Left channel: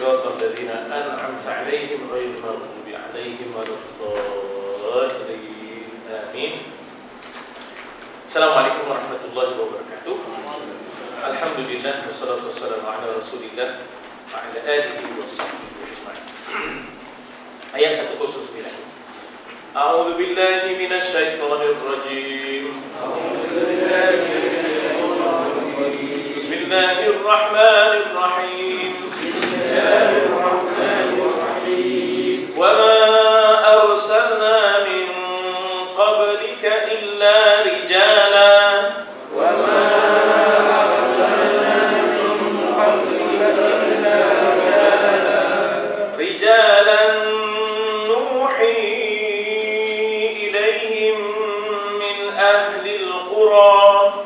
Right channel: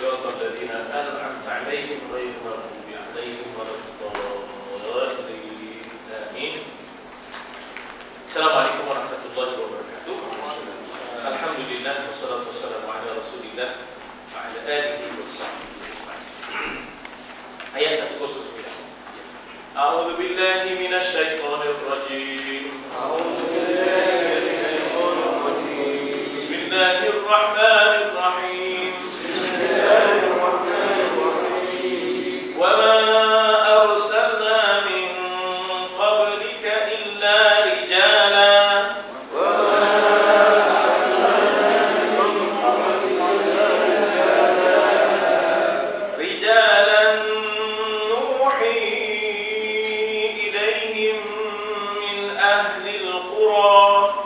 صراط الذين أنعمت عليهم غير المغضوب عليهم ولا الضالين آمين. Assalamualaikum warahmatullahi wabarakatuh. Alhamdulillah wassalatu wassalamu ala Rasulillah wa ala alihi wa sahbihi ajma'in. Ayat 109. A'udzu billahi minasy syaithanir rajim. Bismillahirrahmanirrahim. Wa ma arsalna min qablika illa rijalan nuhi ilaihim min ahli al-qura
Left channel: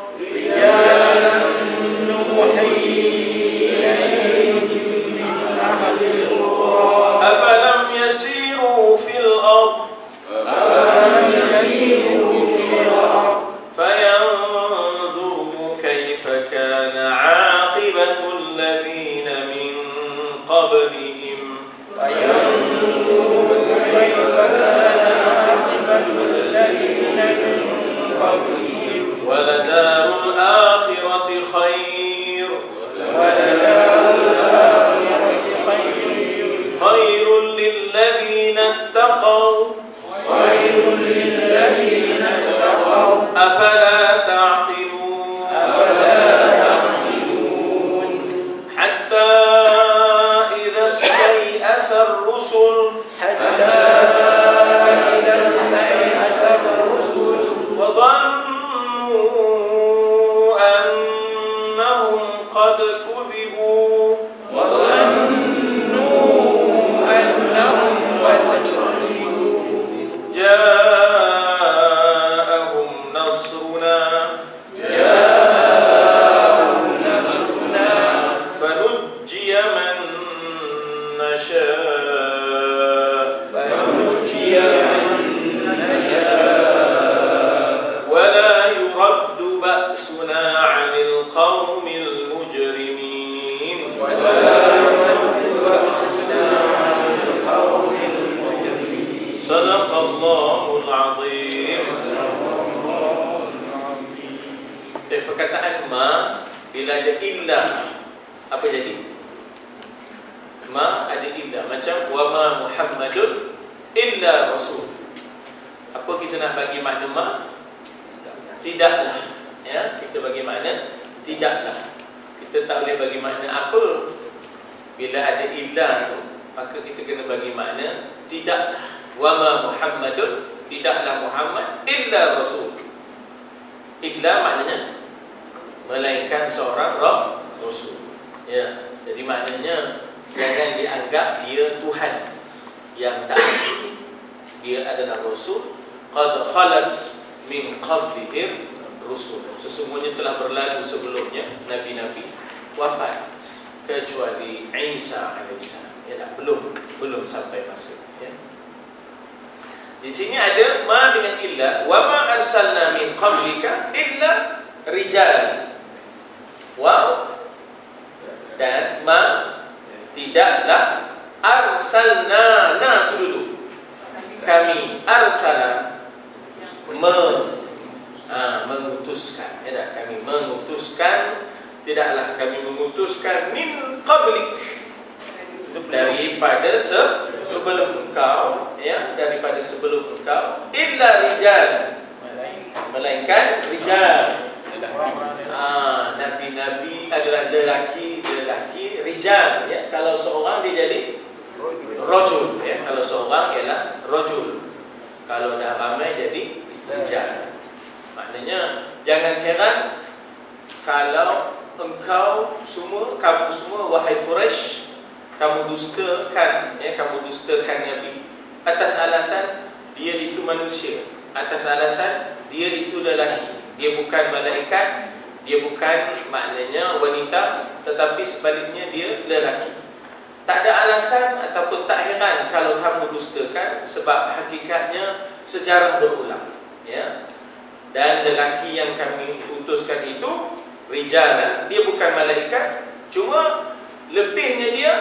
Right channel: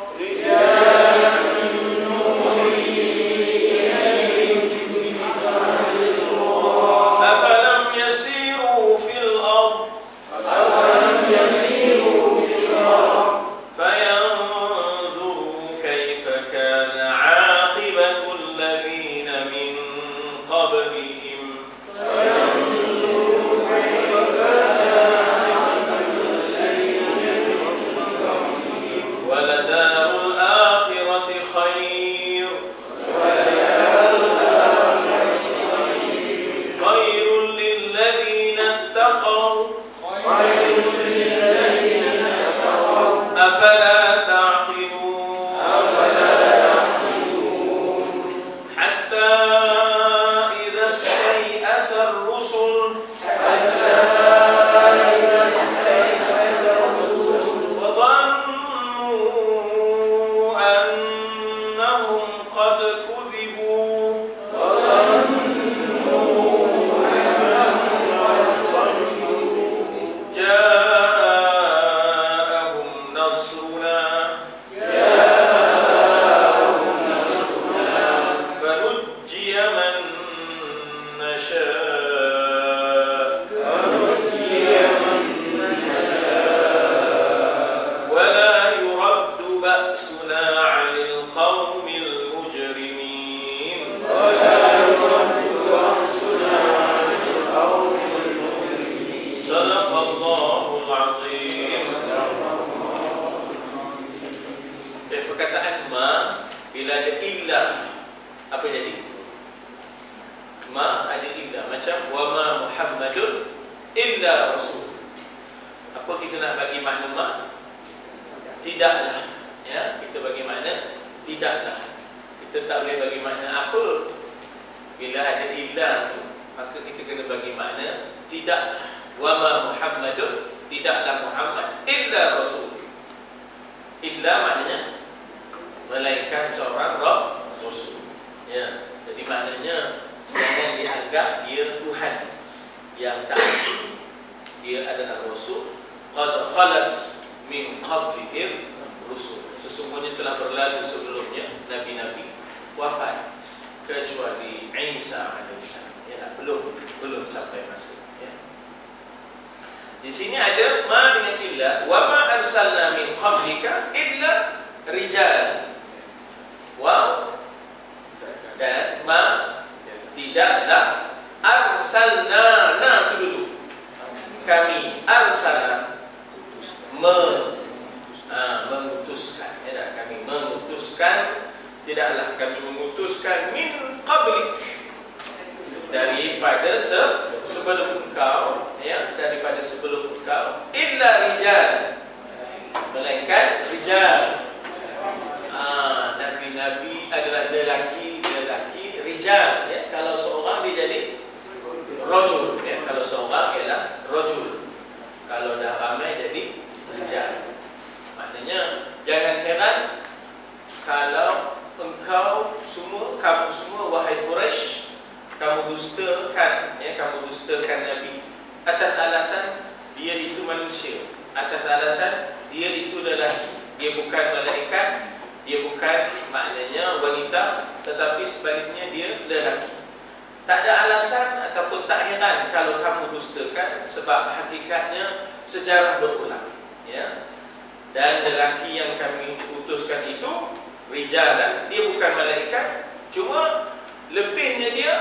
Dan lelaki yang kami utuskan itu rijalan, dia bukan malaikat, cuma lebihnya dia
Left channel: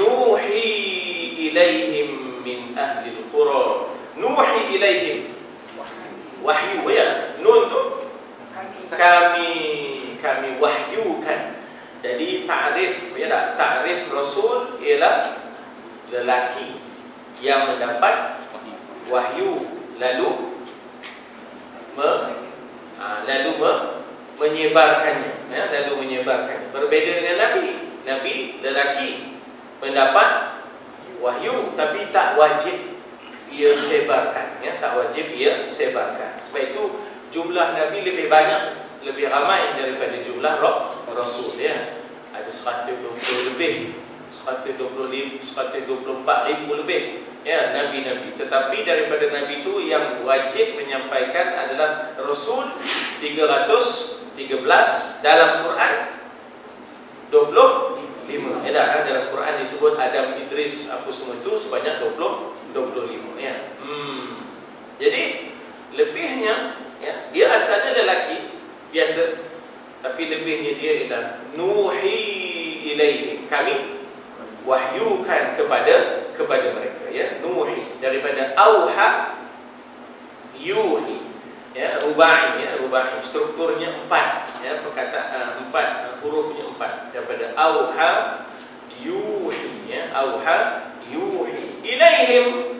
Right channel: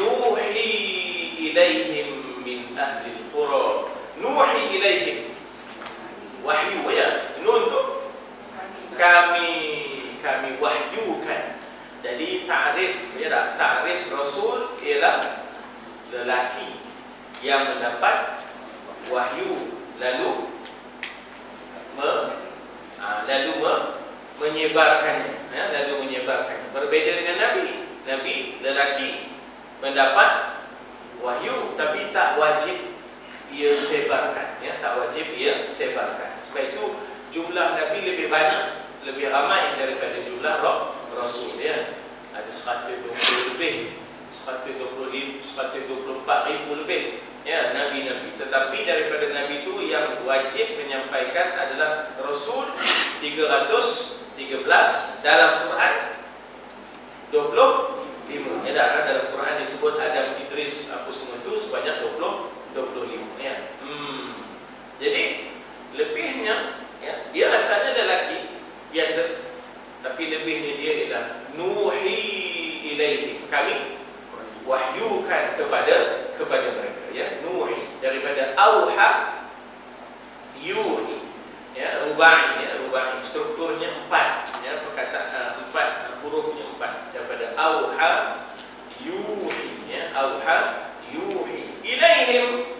nur ilaihim min ahli al-qura. Nuhi ilaihim, wahyu ya. Nun tu kami wahyukan. Jadi ta'rif ya tak? Ta'rif Rasul ialah lelaki yang mendapat wahyu lalu menyebarkannya ya, berbeda dengan Nabi lelaki mendapat wahyu tapi tak wajib ia sebarkan ya, tak wajib ia sebarkan. Sebab itu jumlah Nabi lebih banyak, lebih ramai daripada jumlah Rasul ya. Ada 120 lebih, 124 ribu lebih ya Nabi-Nabi. Tetapi daripada Nabi itu yang wajib menyampaikan adalah Rasul 313, dalam Quran 25 ya, dalam Quran disebut Adam, Idris, apa semua itu sebanyak 25 ya. Jadi lebihnya ya, dia asalnya lelaki biasa, tapi lebihnya dia ialah nuhi ilaihim, kami wahyukan kepada mereka ya. Nuhi daripada auha yuhi ya, rubai ya, rubai strukturnya 4 ya, perkataan 4 hurufnya 4 daripada auha yuhi ya, auha yuhi ilaihim,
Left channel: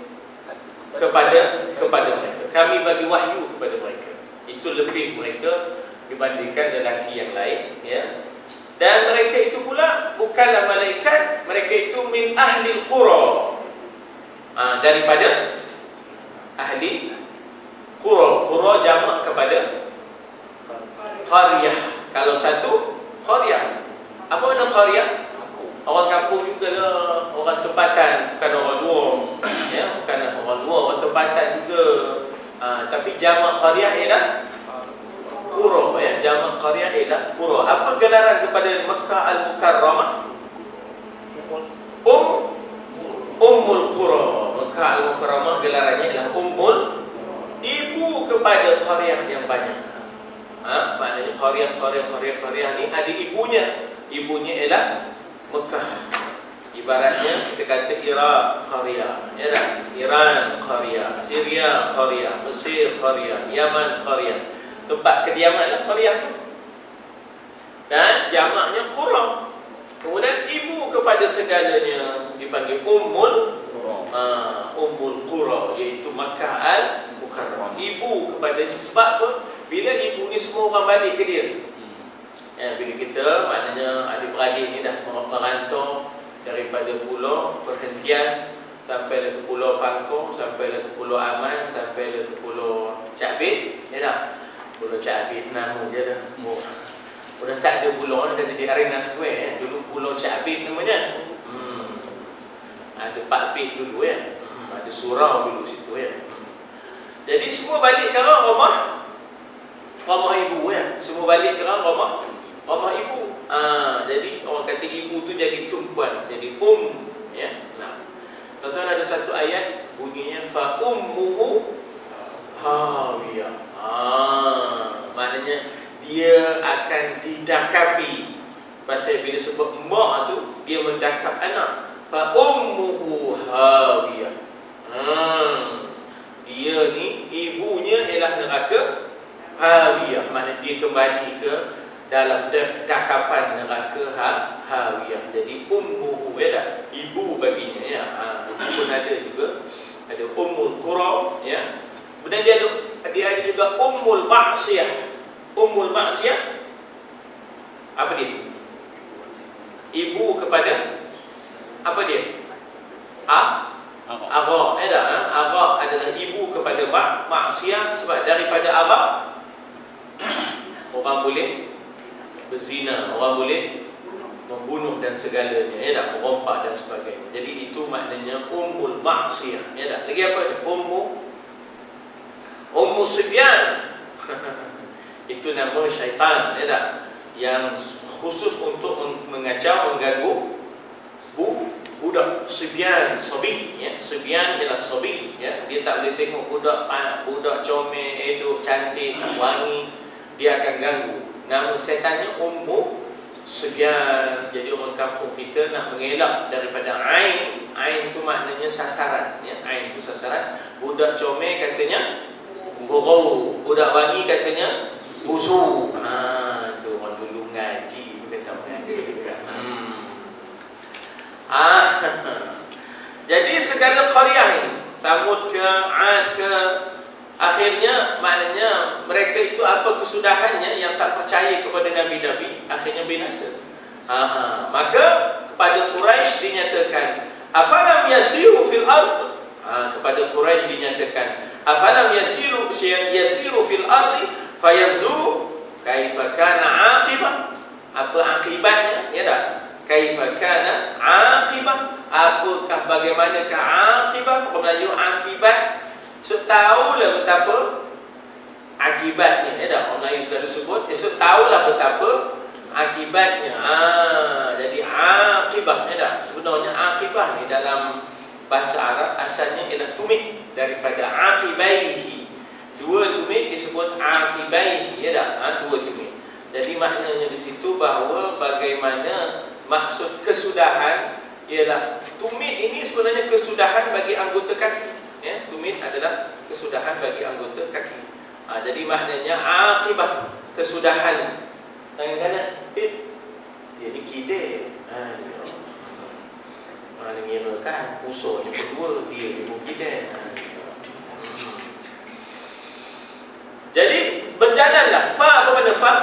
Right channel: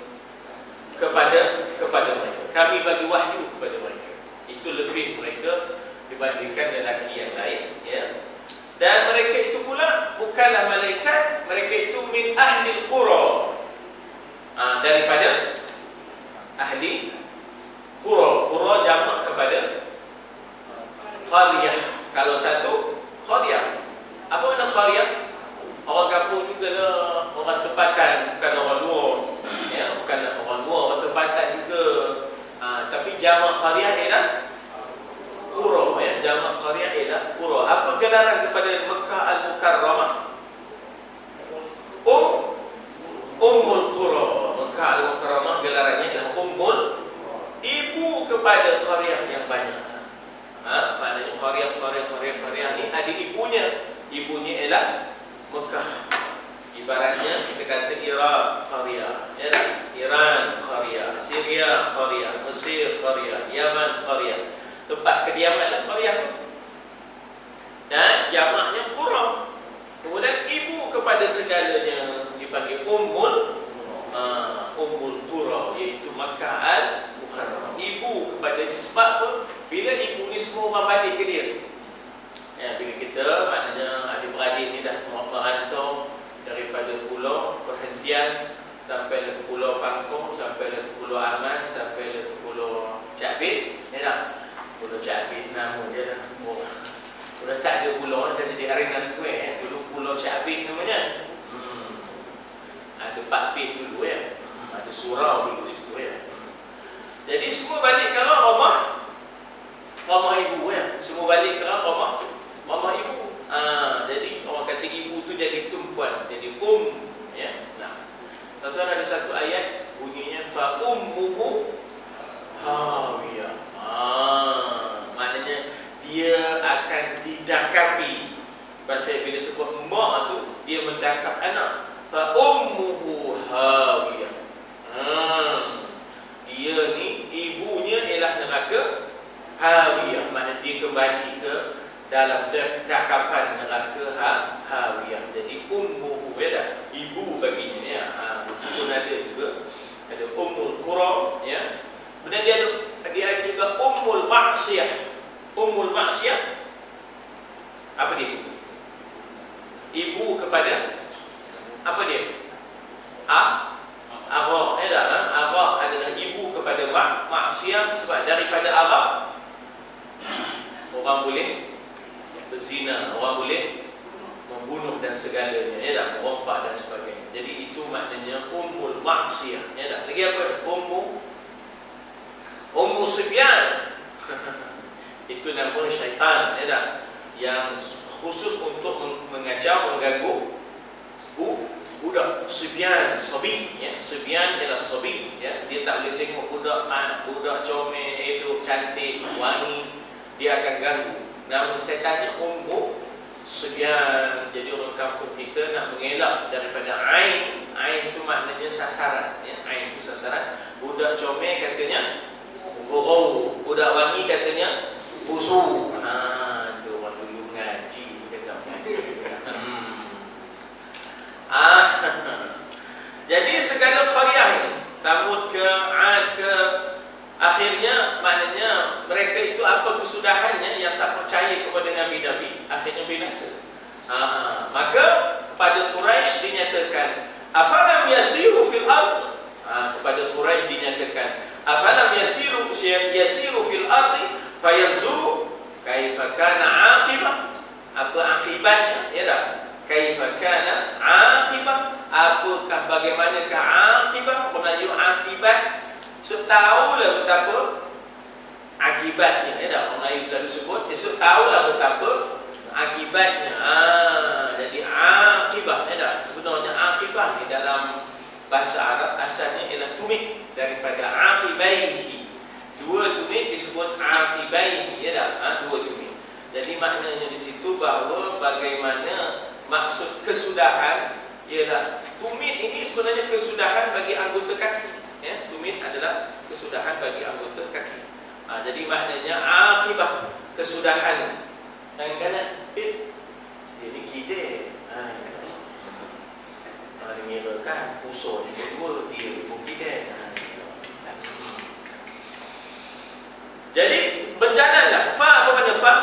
kepada mereka, kami bagi wahyu kepada mereka. Itu lebih mereka dibandingkan lelaki yang lain ya. Dan mereka itu pula bukanlah malaikat, mereka itu min ahli al-qura, daripada ahli qura. Qura jamak kepada qaryah. Kalau satu qaryah, apa makna qaryah? Orang kampung juga lah, orang tempatan, bukan orang luar ya, bukan orang luar, orang tempatan juga. Tapi jamak qaryah ialah qura ya, jamak qaryah ialah qura. Apa gelaran kepada Mekah Al-Mukarramah? Ummul Qura. Mekah Al-Mukarramah gelarannya ialah ummul, ibu kepada qaryah yang banyak. Maknanya qaryah ni ada ibunya. Ibunya ialah Mekah. Ibaratnya kita kata Iraq qaryah ya, Iran qaryah, Syria qaryah, Mesir qaryah, Yaman qaryah. Tempat kediamanlah qaryah. Dan jamaknya qura. Kemudian ibu kepada segalanya dipanggil ummul qura, iaitu Makkah Al-Mukarramah. Ibu kepada, sebab apa? Bila ibu ni semua orang balik ke dia ya, bila kita maknanya adik-beradik ni dah merantau daripada pulau perhentian sampailah ke pulau Pangkong, sampailah ke pulau Aman, sampailah ke pulau Cakbit ya tak? Pulau Cakbit nama dia dah sudah tak ada pulau, dah jadi Arena Square ya. Dulu Pulau Cakbit namanya. Ada Pak Bit dulu ya. Ada surau dulu situ ya. Jadi semua balik ke rumah ibu ya. Semua balik ke rumah ibu. Jadi orang kata ibu tu jadi tumpuan, jadi ya. Nah, tuan-tuan ada satu ayat bunyinya fa ummuhu hawiyah. Maknanya dia akan didakapi. Pasal bila sebut mak tu, dia mendakap anak. Fa ummuhu hawiyah. Dia ni ibunya ialah neraka hawiyah. Maknanya dia kembali ke dalam dakapan neraka hawiyah. Jadi ummuhu ya, ibu baginya ya. Itu pun ada juga. Ada ummul qura ya. Kemudian dia ada juga ummul ma'siyah. Ummul ma'siyah apa dia? Ibu kepada apa dia? Agha ya. Agha adalah ibu kepada maksiat. Sebab daripada agha orang boleh berzina, orang boleh membunuh dan segalanya ya tak? Merompak dan sebagainya. Jadi itu maknanya ummul maksiyah ya tak? Lagi apa? Ummu Sibyan. Itu nama syaitan ya tak? Yang khusus untuk mengacau, mengganggu budak. Sibyan, sobi ya. Sibyan ialah sobi ya. Dia tak boleh tengok budak comel, elok, cantik, wangi, dia akan ganggu. Nama setannya Ummu Sibyan. Jadi orang kampung kita nak mengelak daripada ain. Ain tu maknanya sasaran, ya. Ain itu sasaran. Budak comel katanya gurau, budak wangi katanya busu. Tu dulu ngaji bukan tahu ngaji. Jadi segala qaryah ini, Samud ke Ad ke, akhirnya maknanya mereka itu apa kesudahannya yang tak percaya kepada nabi-nabi, akhirnya binasa. Maka kepada Quraisy dinyatakan afalam yasiru fil ard, kepada Quraisy dinyatakan afalam yasiru fil ardi fayanzuru kaifa kana aqibah, apa akibatnya, ya tak? Kaifa kana aqibah, apakah bagaimanakah aqibah, Melayu akibat. So tahulah betapa akibatnya, ya tak? Orang Melayu sudah disebut, so tahulah betapa akibatnya. Jadi akibah, ya tak? Sebenarnya akibah ni dalam bahasa Arab asalnya ialah tumit daripada akibaihi. Dua tumit disebut akibaihi, ya tak? Dua tumit. Jadi maknanya di situ bahawa bagaimana maksud kesudahan ialah tumit ini sebenarnya kesudahan bagi anggota kaki, ya. Tumit adalah kesudahan bagi anggota kaki. Jadi maknanya akibah, kesudahan. Tangan kanan, dia ni kide. Dia ngira kan, usul ni kedua, dia ibu kide. Jadi berjalanlah. Fa apa pada fa?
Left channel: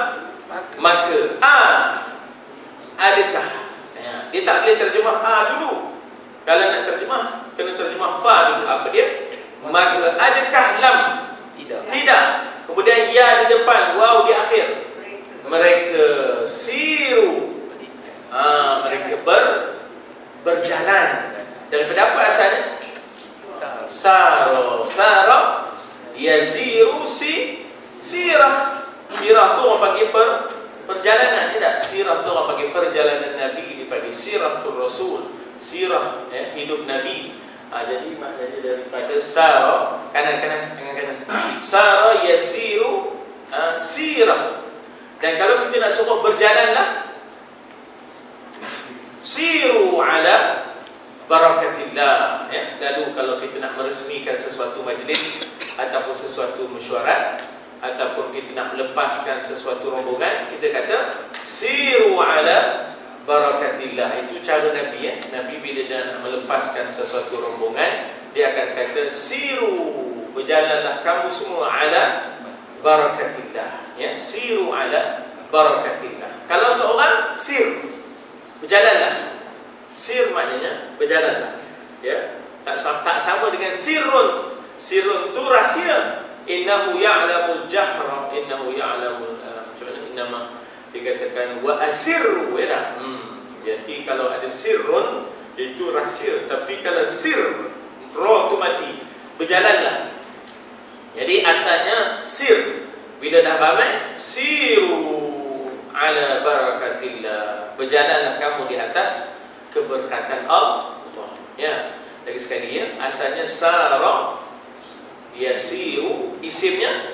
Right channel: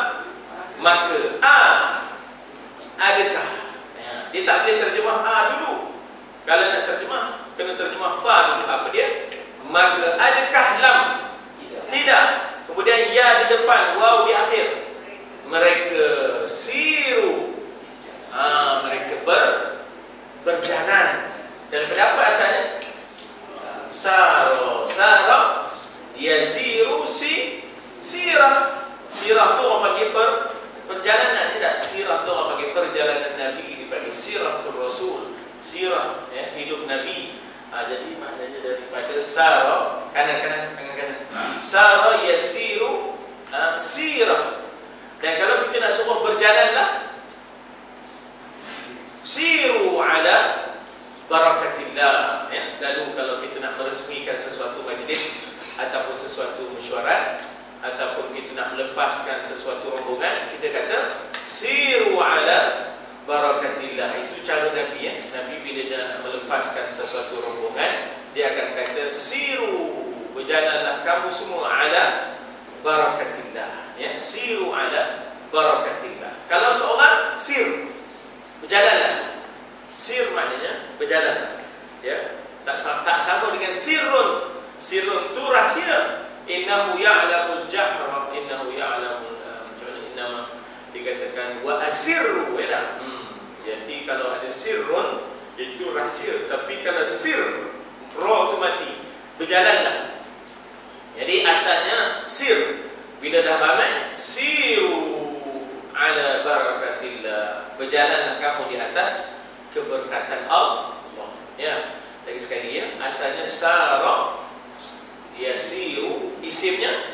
Maka adakah? Dia tak boleh terjemah dulu. Kalau nak terjemah, kena terjemah fa dulu. Apa dia? Maka adakah lam? Tidak. Kemudian ya di depan, waw di akhir. Mereka siru. Mereka berjalan. Daripada apa asalnya? Sara yasiru sirah. Sirah tu orang panggil perjalanan, tidak? Sirah tu orang panggil perjalanan Nabi, dipanggil siratul Rasul. Sirah, ya, hidup Nabi. Jadi maknanya daripada sara, kanan-kanan, tangan-kanan. Sara yasiru sirah. Dan kalau kita nak suruh berjalanlah, siru ala barakatillah, ya. Selalu kalau kita nak meresmikan sesuatu majlis ataupun sesuatu mesyuarat, ataupun kita nak melepaskan sesuatu rombongan, kita kata siru ala barakatillah. Itu cara Nabi, ya. Nabi bila dia nak melepaskan sesuatu rombongan, dia akan kata siru, berjalanlah kamu semua ala barakatillah, ya. Siru ala barakatillah. Kalau seorang sir, berjalanlah. Sir maknanya berjalanlah, ya. Tak sama dengan sirrun. Sirrun tu rahsia. Innahu ya'lamul jahra, innahu ya'lamul macam mana, innama dikatakan wa asirru, ya. Jadi kalau ada sirrun itu rahsia, tapi kalau sir ra tu mati, berjalanlah. Jadi asalnya sir, bila dah ramai siru ala barakatillah, berjalanlah kamu di atas keberkatan Allah, ya. Lagi sekali, ya, asalnya sara yasiru, isimnya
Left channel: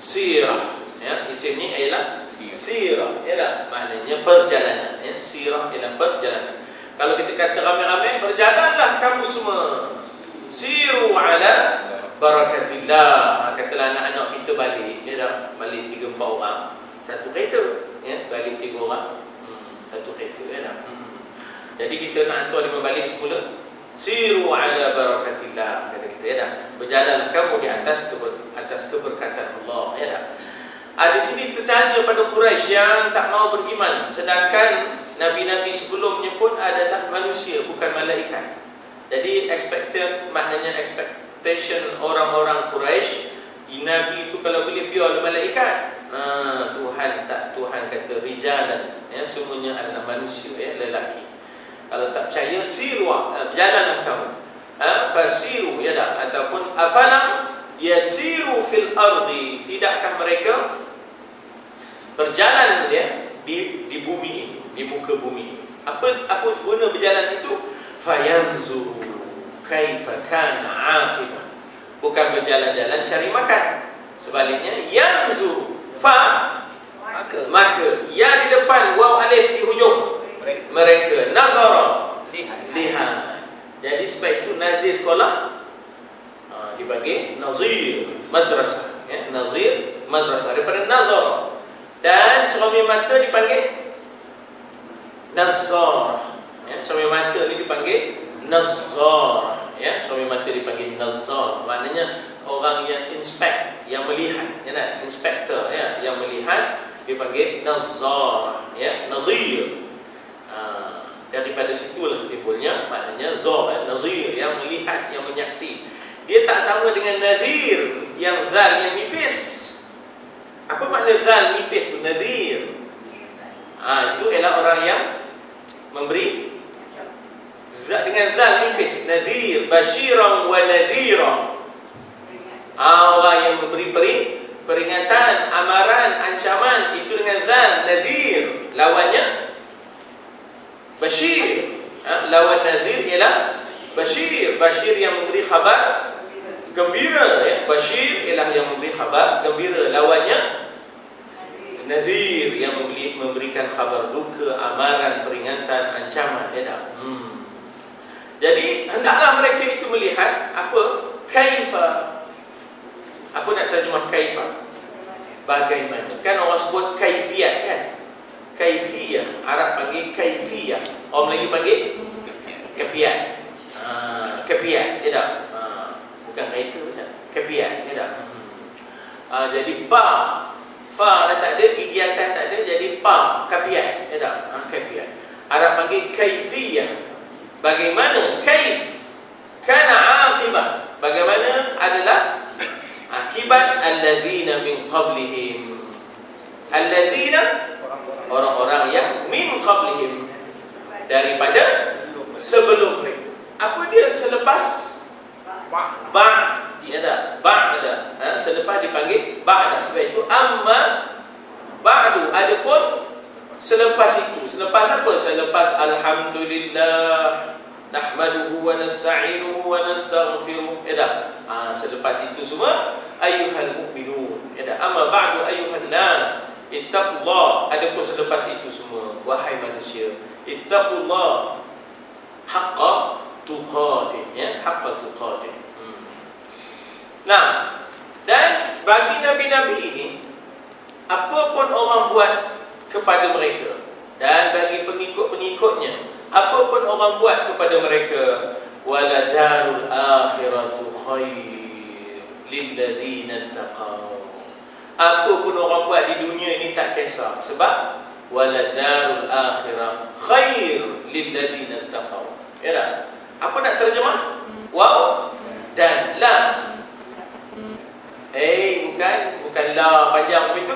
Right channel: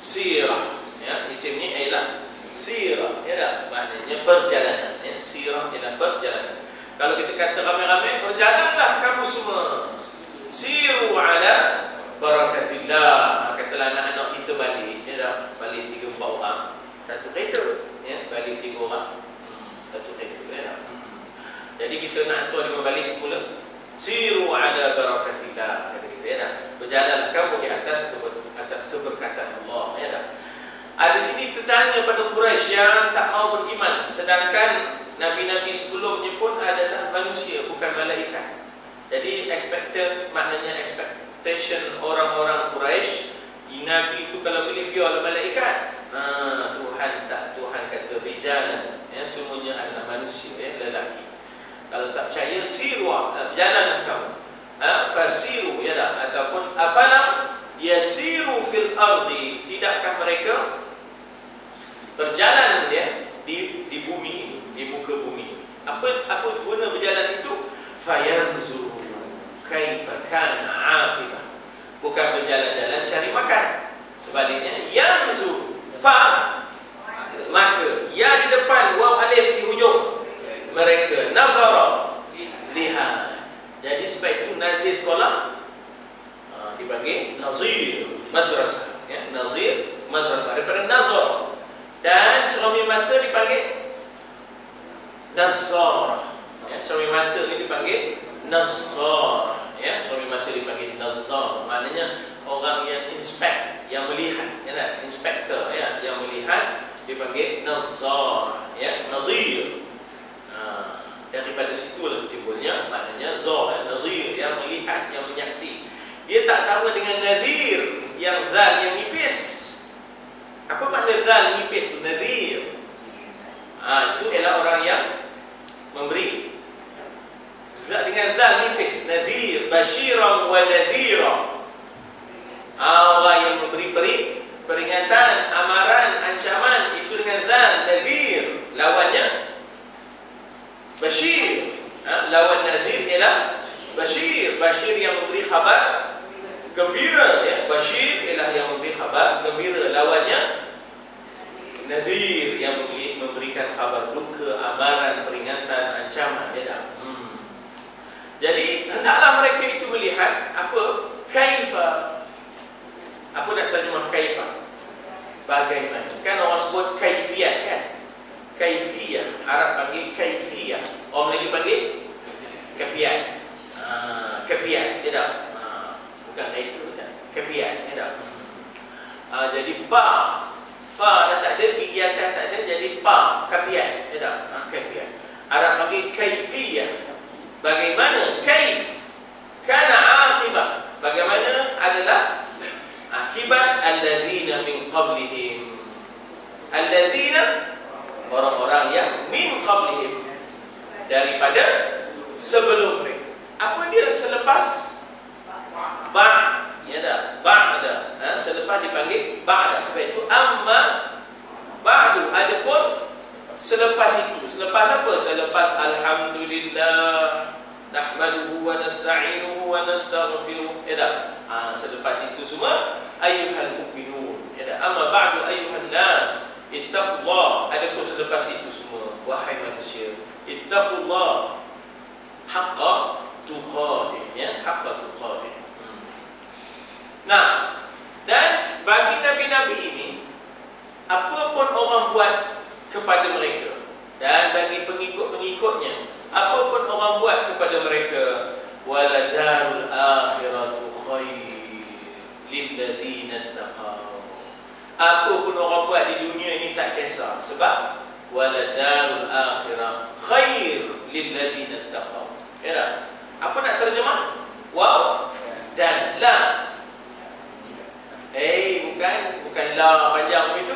sirah, ya. Isimnya ialah sirah, ya tak? Maknanya perjalanan, ya. Sirah ialah perjalanan. Kalau kita kata ramai-ramai, berjalanlah kamu semua, siru ala barakatillah. Katalah anak-anak kita balik, ya tak? Balik 3-4 orang, satu kereta, ya. Balik 3 orang, satu kereta, ya tak? Jadi kita nak hantar dia balik semula, siru ala barakatillah, kata kita, ya tak? Berjalanlah kamu di atas keberkatan Allah, ya tak? Di sini tertanya pada Quraisy yang tak mau beriman, sedangkan nabi-nabi sebelumnya pun adalah manusia, bukan malaikat. Jadi maknanya expectation orang-orang Quraisy, nabi itu kalau boleh biarlah malaikat. Tuhan kata rijalan, ya, semuanya adalah manusia, ya, lelaki. Kalau tak percaya, siru, berjalanlah kamu. Fasiru, ya tak? Ataupun afalam yasiru fil ardi, tidakkah mereka berjalan, ya, di bumi ini, di muka bumi ini. Apa guna berjalan itu? Fayanzuru kaifa kana aqibah. Bukan berjalan-jalan cari makan. Sebaliknya yanzuru, maka ya di depan, waw alif di hujung. Mereka nazara, lihat. Jadi sebab itu nazir sekolah dipanggil nazir madrasah, ya, nazir madrasah daripada nazar. Dan cermin mata dipanggil nazar, ya, cermin mata ni dipanggil nazar, ya, cermin mata dipanggil nazar. Maknanya orang yang inspect, yang melihat, ya, inspektor, ya, yang melihat dipanggil nazar, ya, nazir. Daripada situlah timbulnya maknanya zar, ya, nazir, yang melihat, yang menyaksi. Dia tak sama dengan nadir yang zal yang nipis. Apa makna zal nipis tu? Nadir. Itu ialah orang yang memberi dengan zal nipis. Nadir, basyiran wa nadhira. Orang yang memberi peringatan, amaran, ancaman, itu dengan zal nadir. Lawannya Bashir. Lawan Nadir ialah Bashir. Bashir yang memberi khabar gembira, ya. Bashir ialah yang memberi khabar gembira. Lawannya Nadir yang memberikan khabar duka, amaran, peringatan, ancaman, ya. Jadi hendaklah mereka itu melihat apa kaifa. Apa nak terjemah kaifa? Bagaimana? Kan orang sebut kaifiyat, kan? Kaifiyah, Arab panggil kaifiyah, orang Melayu panggil kepiat. Kepiat, ya tak? Bukan itu, kepiat, ya tak? Jadi ba, fa dah tak ada, gigi atas tak ada, jadi ba, kepiat, ya tak? Kepiat. Arab panggil kaifiyah. Bagaimana? Kaif, kana aqibah. Bagaimana adalah akibat alladzina min qablihim. Alladzina, orang-orang yang min qablihim, daripada sebelum mereka. Apa dia selepas? Ba', ya dah, ba'da. Selepas dipanggil ba'da. Sebab itu amma ba'du. Adapun selepas itu, selepas apa? Selepas alhamdulillah nahmaduhu wa nasta'inuhu wa nastaghfiruh, ya dah. Selepas itu semua ayyuhal mu'minun, ya dah. Amma ba'du ayyuhan nas ittaqullah. Adapun selepas itu semua, wahai manusia, ittaqullah haqqa tuqatih, ya, haqqa tuqatih. Nah, dan bagi nabi-nabi ini, apapun orang buat kepada mereka, dan bagi pengikut-pengikutnya, apapun orang buat kepada mereka, wala darul akhiratu khair lil ladzina taqaw. Apa pun orang buat di dunia ini tak kisah. Sebab wala darul akhirah khair lil ladzina taqaw. Ya tak? Apa nak terjemah? Waw dan la. Bukan la panjang begitu.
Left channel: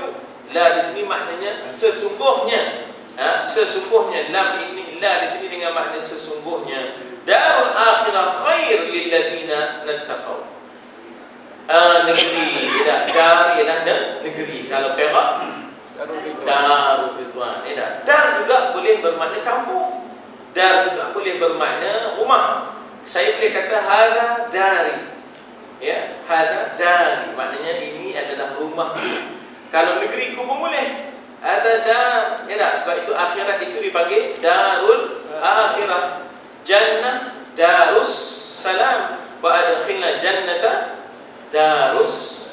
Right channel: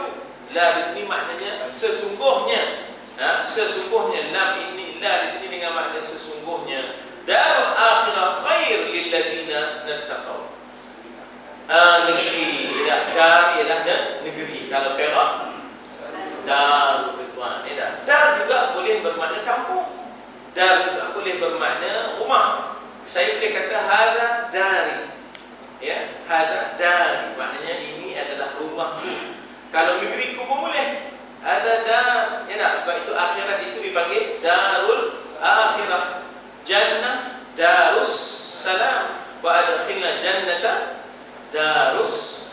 La di sini maknanya sesungguhnya. Sesungguhnya, lam ini, la di sini dengan makna sesungguhnya. Darul akhirah khair lil ladzina taqaw. Negeri, tidak, dar ialah negeri. Kalau Perak, Darul Ridwan, tidak. Dar juga boleh bermakna kampung. Dar juga boleh bermakna rumah. Saya boleh kata hadza dari, ya, hadza dari, maknanya ini adalah rumahku. Kalau negeriku pun boleh, hadza dar, ya tak? Sebab itu akhirat itu dipanggil darul akhirah. Jannah darus salam, wa adkhilna jannata darus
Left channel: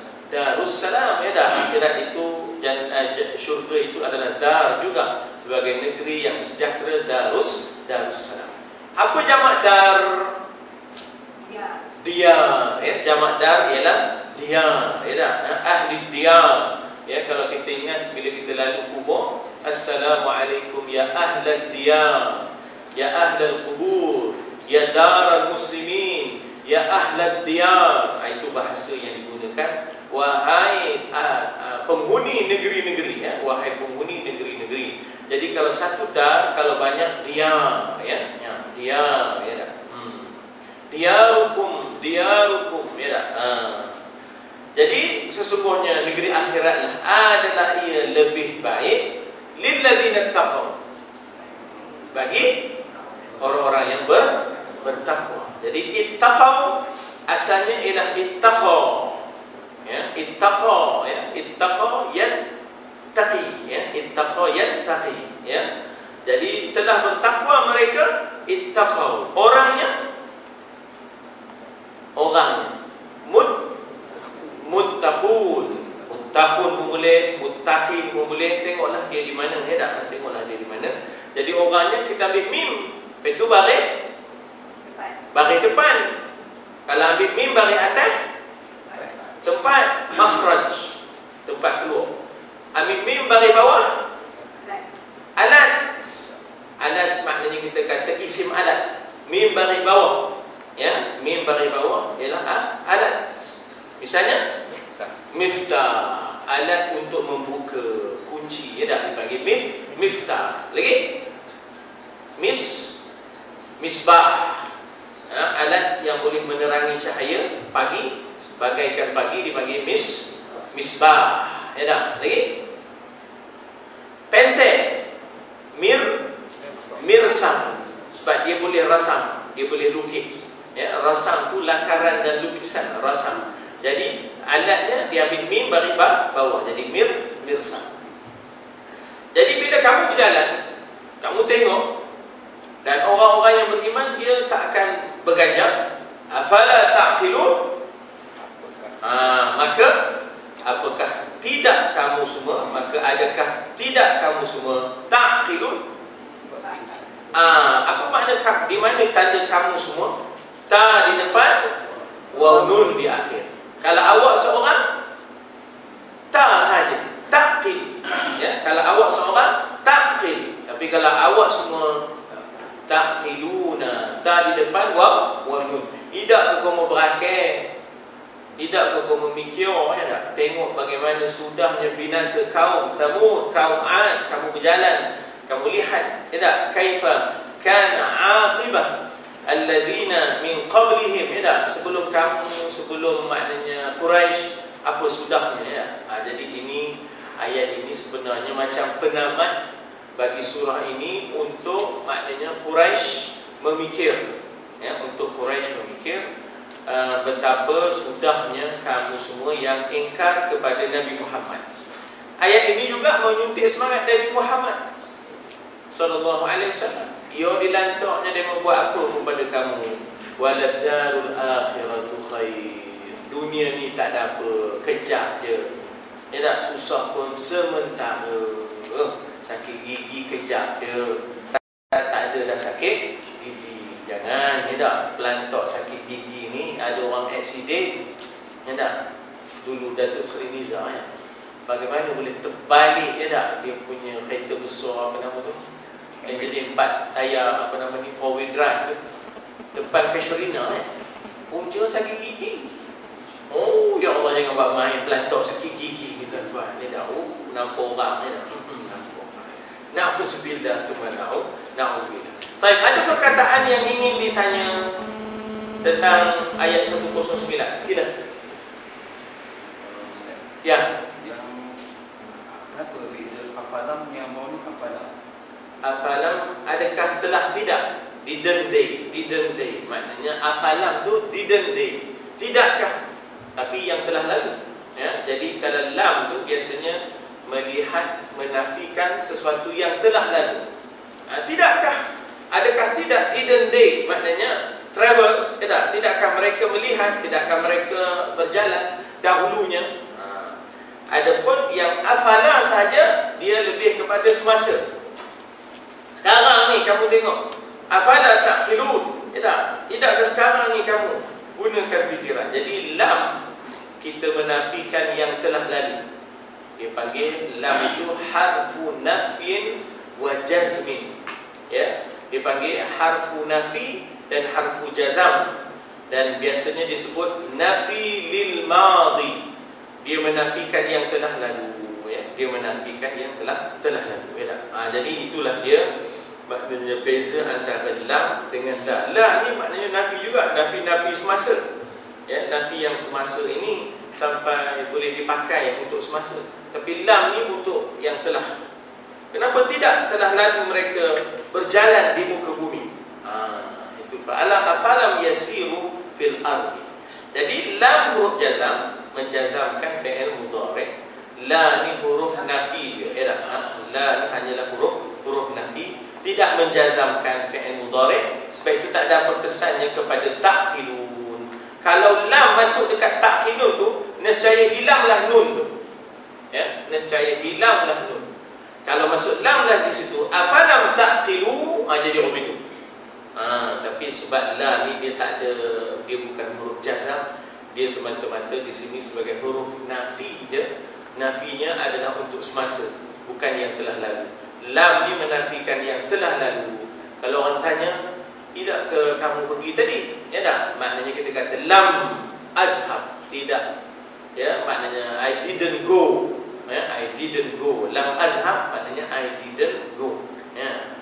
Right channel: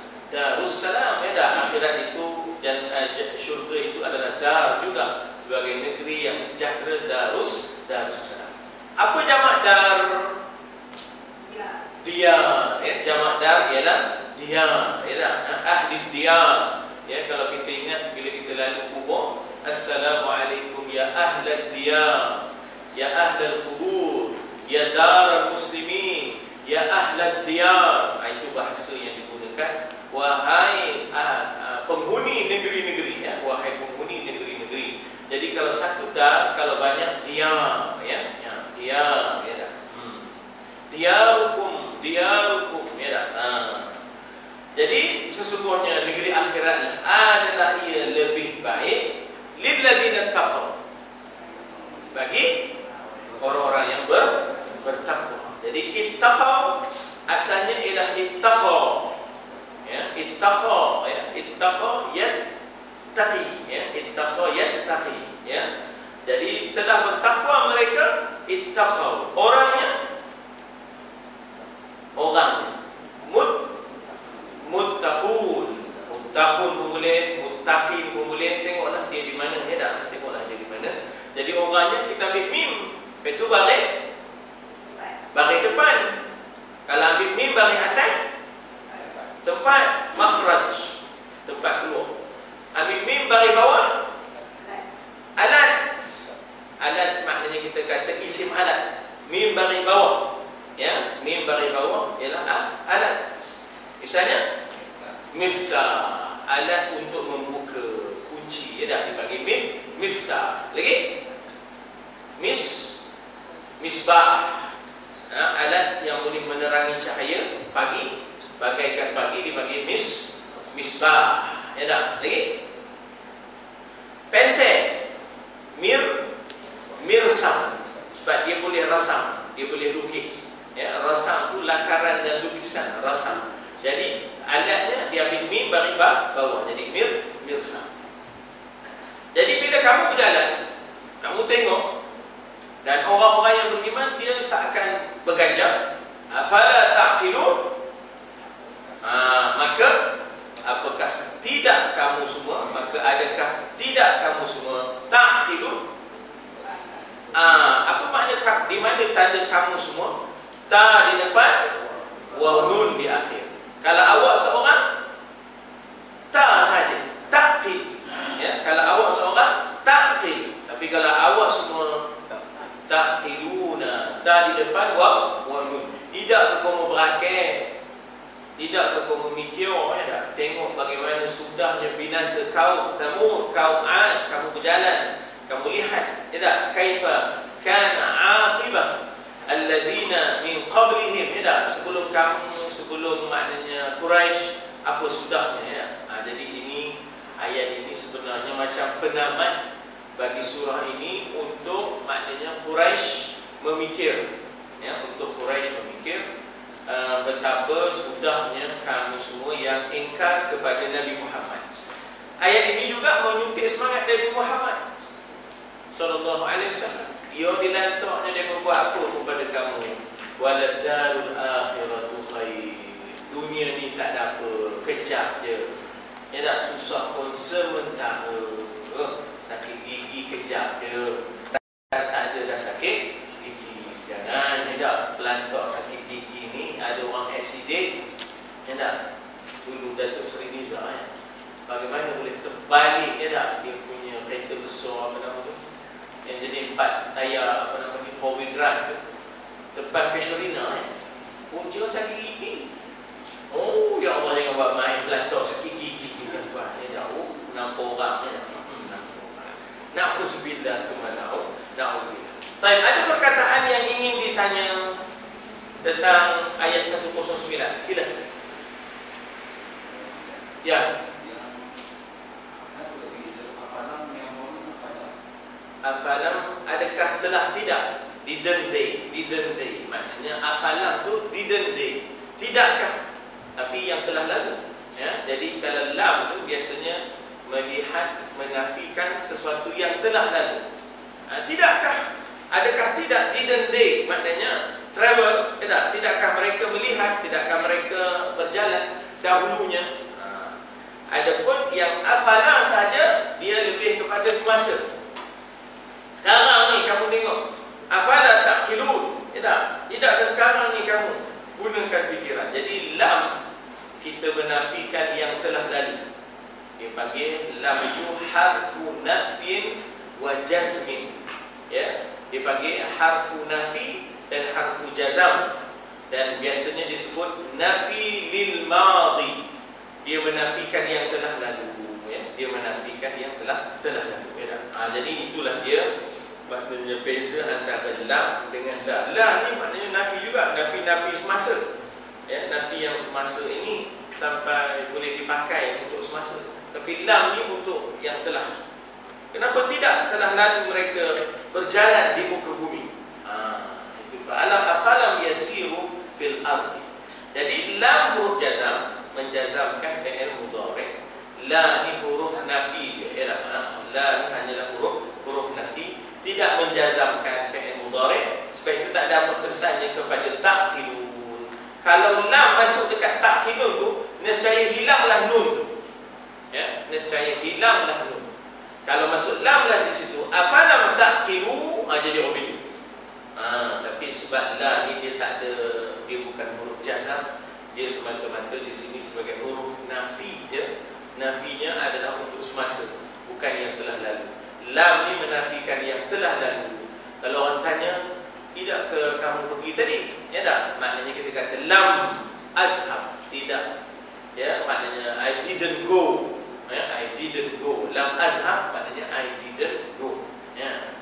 salam, ya dah. Akhirat itu syurga itu adalah dar juga, sebagai negeri yang sejahtera, darus salam. Apa jamak dar? Diyar, ya. Jamak dar ialah diyar, ya dah. Ahli diyar, ya. Kalau kita ingat bila kita lalu kubur, assalamualaikum ya ahlal diyar, ya ahlal kubur, ya daral muslimin, ya ahlad diyar. Itu bahasa yang digunakan. Wahai penghuni negeri-negeri, ya. Wahai penghuni negeri-negeri. Jadi kalau satu dar, kalau banyak diyar, ya. Diyar, ya. Diyarukum, ya. Jadi sesungguhnya negeri akhirat adalah ia lebih baik lil ladzina taqaw, bagi orang-orang yang bertakwa. Jadi ittaqaw asalnya ialah ittaqa, ya, ittaqa, ya, ittaqa yattaqi, ya, ittaqa yattaqi, ya. Jadi telah bertakwa mereka, ittaqaw. Orangnya orangnya. Muttaqun. Muttaqun pun boleh, muttaqin pun boleh. Tengoklah dia di mana, ya tak? Tengoklah dia di mana. Jadi orangnya kita ambil mim, itu baris depan. Kalau ambil mim baris atas, tempat makhraj, tempat keluar. Ambil mim baris bawah, alat. Alat maknanya kita kata isim alat. Mim baris bawah, ya, mim baris bawah ialah alat. Misalnya miftah, alat untuk membuka kunci, ya dah dipanggil miftah. Lagi misbah, alat yang boleh menerangi cahaya pagi, bagaikan pagi, dipanggil misbah, ya dah. Lagi pensel, mirsam, sebab dia boleh rasam, dia boleh lukis, ya. Rasam tu lakaran dan lukisan, rasam. Jadi alatnya dia ambil mim baris bawah, jadi mirsam. Jadi bila kamu berjalan, kamu tengok, dan orang-orang yang beriman dia tak akan berganjal. Afala ta'qilun? Maka apakah tidak kamu semua? Maka adakah tidak kamu semua ta'qilun? Apa makna di mana tanda kamu semua? Ta di depan, wa nun di akhir. Kalau awak seorang, ta saja, taqil. Ya, kalau awak seorang, taqil. Tapi kalau awak semua, taqiluna, ta di depan, wa nun. Tidak ke kamu berakhir, tidak ke kamu mikir, ya tak? Tengok bagaimana sudahnya binasa kaum Samud, kaum Ad, kamu berjalan, kamu lihat, ya tak? Kaifa kana aqibah alladhina min qablihim, ya tak? Sebelum kamu, sebelum maknanya Quraisy, apa sudahnya, ya. Jadi ini, ayat ini sebenarnya macam penamat bagi surah ini untuk maknanya Quraisy memikir, ya, untuk Quraisy memikir betapa sudahnya kamu semua yang ingkar kepada Nabi Muhammad. Ayat ini juga menyuntik semangat Nabi Muhammad sallallahu alaihi wasallam. Dia dilantaknya dia membuat apa kepada kamu? Walad darul akhiratu khair. Dunia ni tak ada apa, kejap je. Ya tak, susah pun sementara. Sakit gigi kejap je. Tak ada dah sakit gigi. Jangan, ya tak, pelantok sakit gigi ni ada orang aksiden. Ya tak, dulu Datuk Seri Nizam, ya, bagaimana boleh terbalik, ya tak, dia punya kereta besar, apa nama tu, yang jadi 4 tayar, apa nama ni, 4-wheel drive tu, depan Casuarina, punca sakit gigi. Oh, ya Allah, jangan buat main pelantok sakit gigi kita tuan. Ya dah, nampak orang, ya. Na'udzubillah tsumma na'udzubillah. Baik, ada perkataan yang ingin ditanya tentang ayat 109. Sila. Ya. Yang apa beza afalam yang mau ni afalam? Afalam, adakah telah tidak? Didn't they. Maknanya afalam tu didn't they. Tidakkah? Tapi yang telah lalu. Ya, jadi kalau lam tu biasanya melihat, menafikan sesuatu yang telah lalu. Tidakkah? Adakah tidak? Didn't they? Maknanya travel, tidak? Tidakkah mereka melihat? Tidakkah mereka berjalan dahulunya? Adapun yang afala saja, dia lebih kepada semasa. Sekarang ni kamu tengok, afala taqilun, tidakkah sekarang ni kamu gunakan fikiran. Jadi lam kita menafikan yang telah lalu. Dia panggil lam itu harfu nafyin wa jazmin. Ya, dia panggil harfu nafi dan harfu jazam. Dan biasanya disebut nafi lil madhi. Dia menafikan yang telah lalu, ya. Dia menafikan yang telah lalu, ya. Jadi itulah dia maknanya beza antara lam dengan la. La ni maknanya nafi juga, nafi semasa. Ya, nafi yang semasa ini sampai boleh dipakai untuk semasa. Tapi lam ni untuk yang telah. Kenapa tidak telah lalu mereka berjalan di muka bumi? Itu fa'alam afalam yasiru fil ardi. Jadi lam huruf jazam menjazamkan fi'il mudhari'. La ni huruf nafi. La ni hanyalah huruf nafi, tidak menjazamkan fi'il mudhari'. Sebab itu tak ada apa kesannya kepada taqilun. kalau lam masuk dekat ta'qilun tu, nescaya hilanglah nun tu. Ya, nescaya hilanglah nun. Kalau masuk lam lah di situ, afalam ta'qilu, jadi huruf itu. Tapi sebab la ni dia tak ada, dia bukan huruf jazam, dia semata-mata di sini sebagai huruf nafi je. Nafinya adalah untuk semasa, bukan yang telah lalu. Lam ni menafikan yang telah lalu. Kalau orang tanya, tidak ke kamu pergi tadi? Ya tak? Maknanya kita kata lam azhab, tidak. Ya, maknanya I didn't go. Ya, I didn't go. Lam azhab maknanya I didn't go. Ya.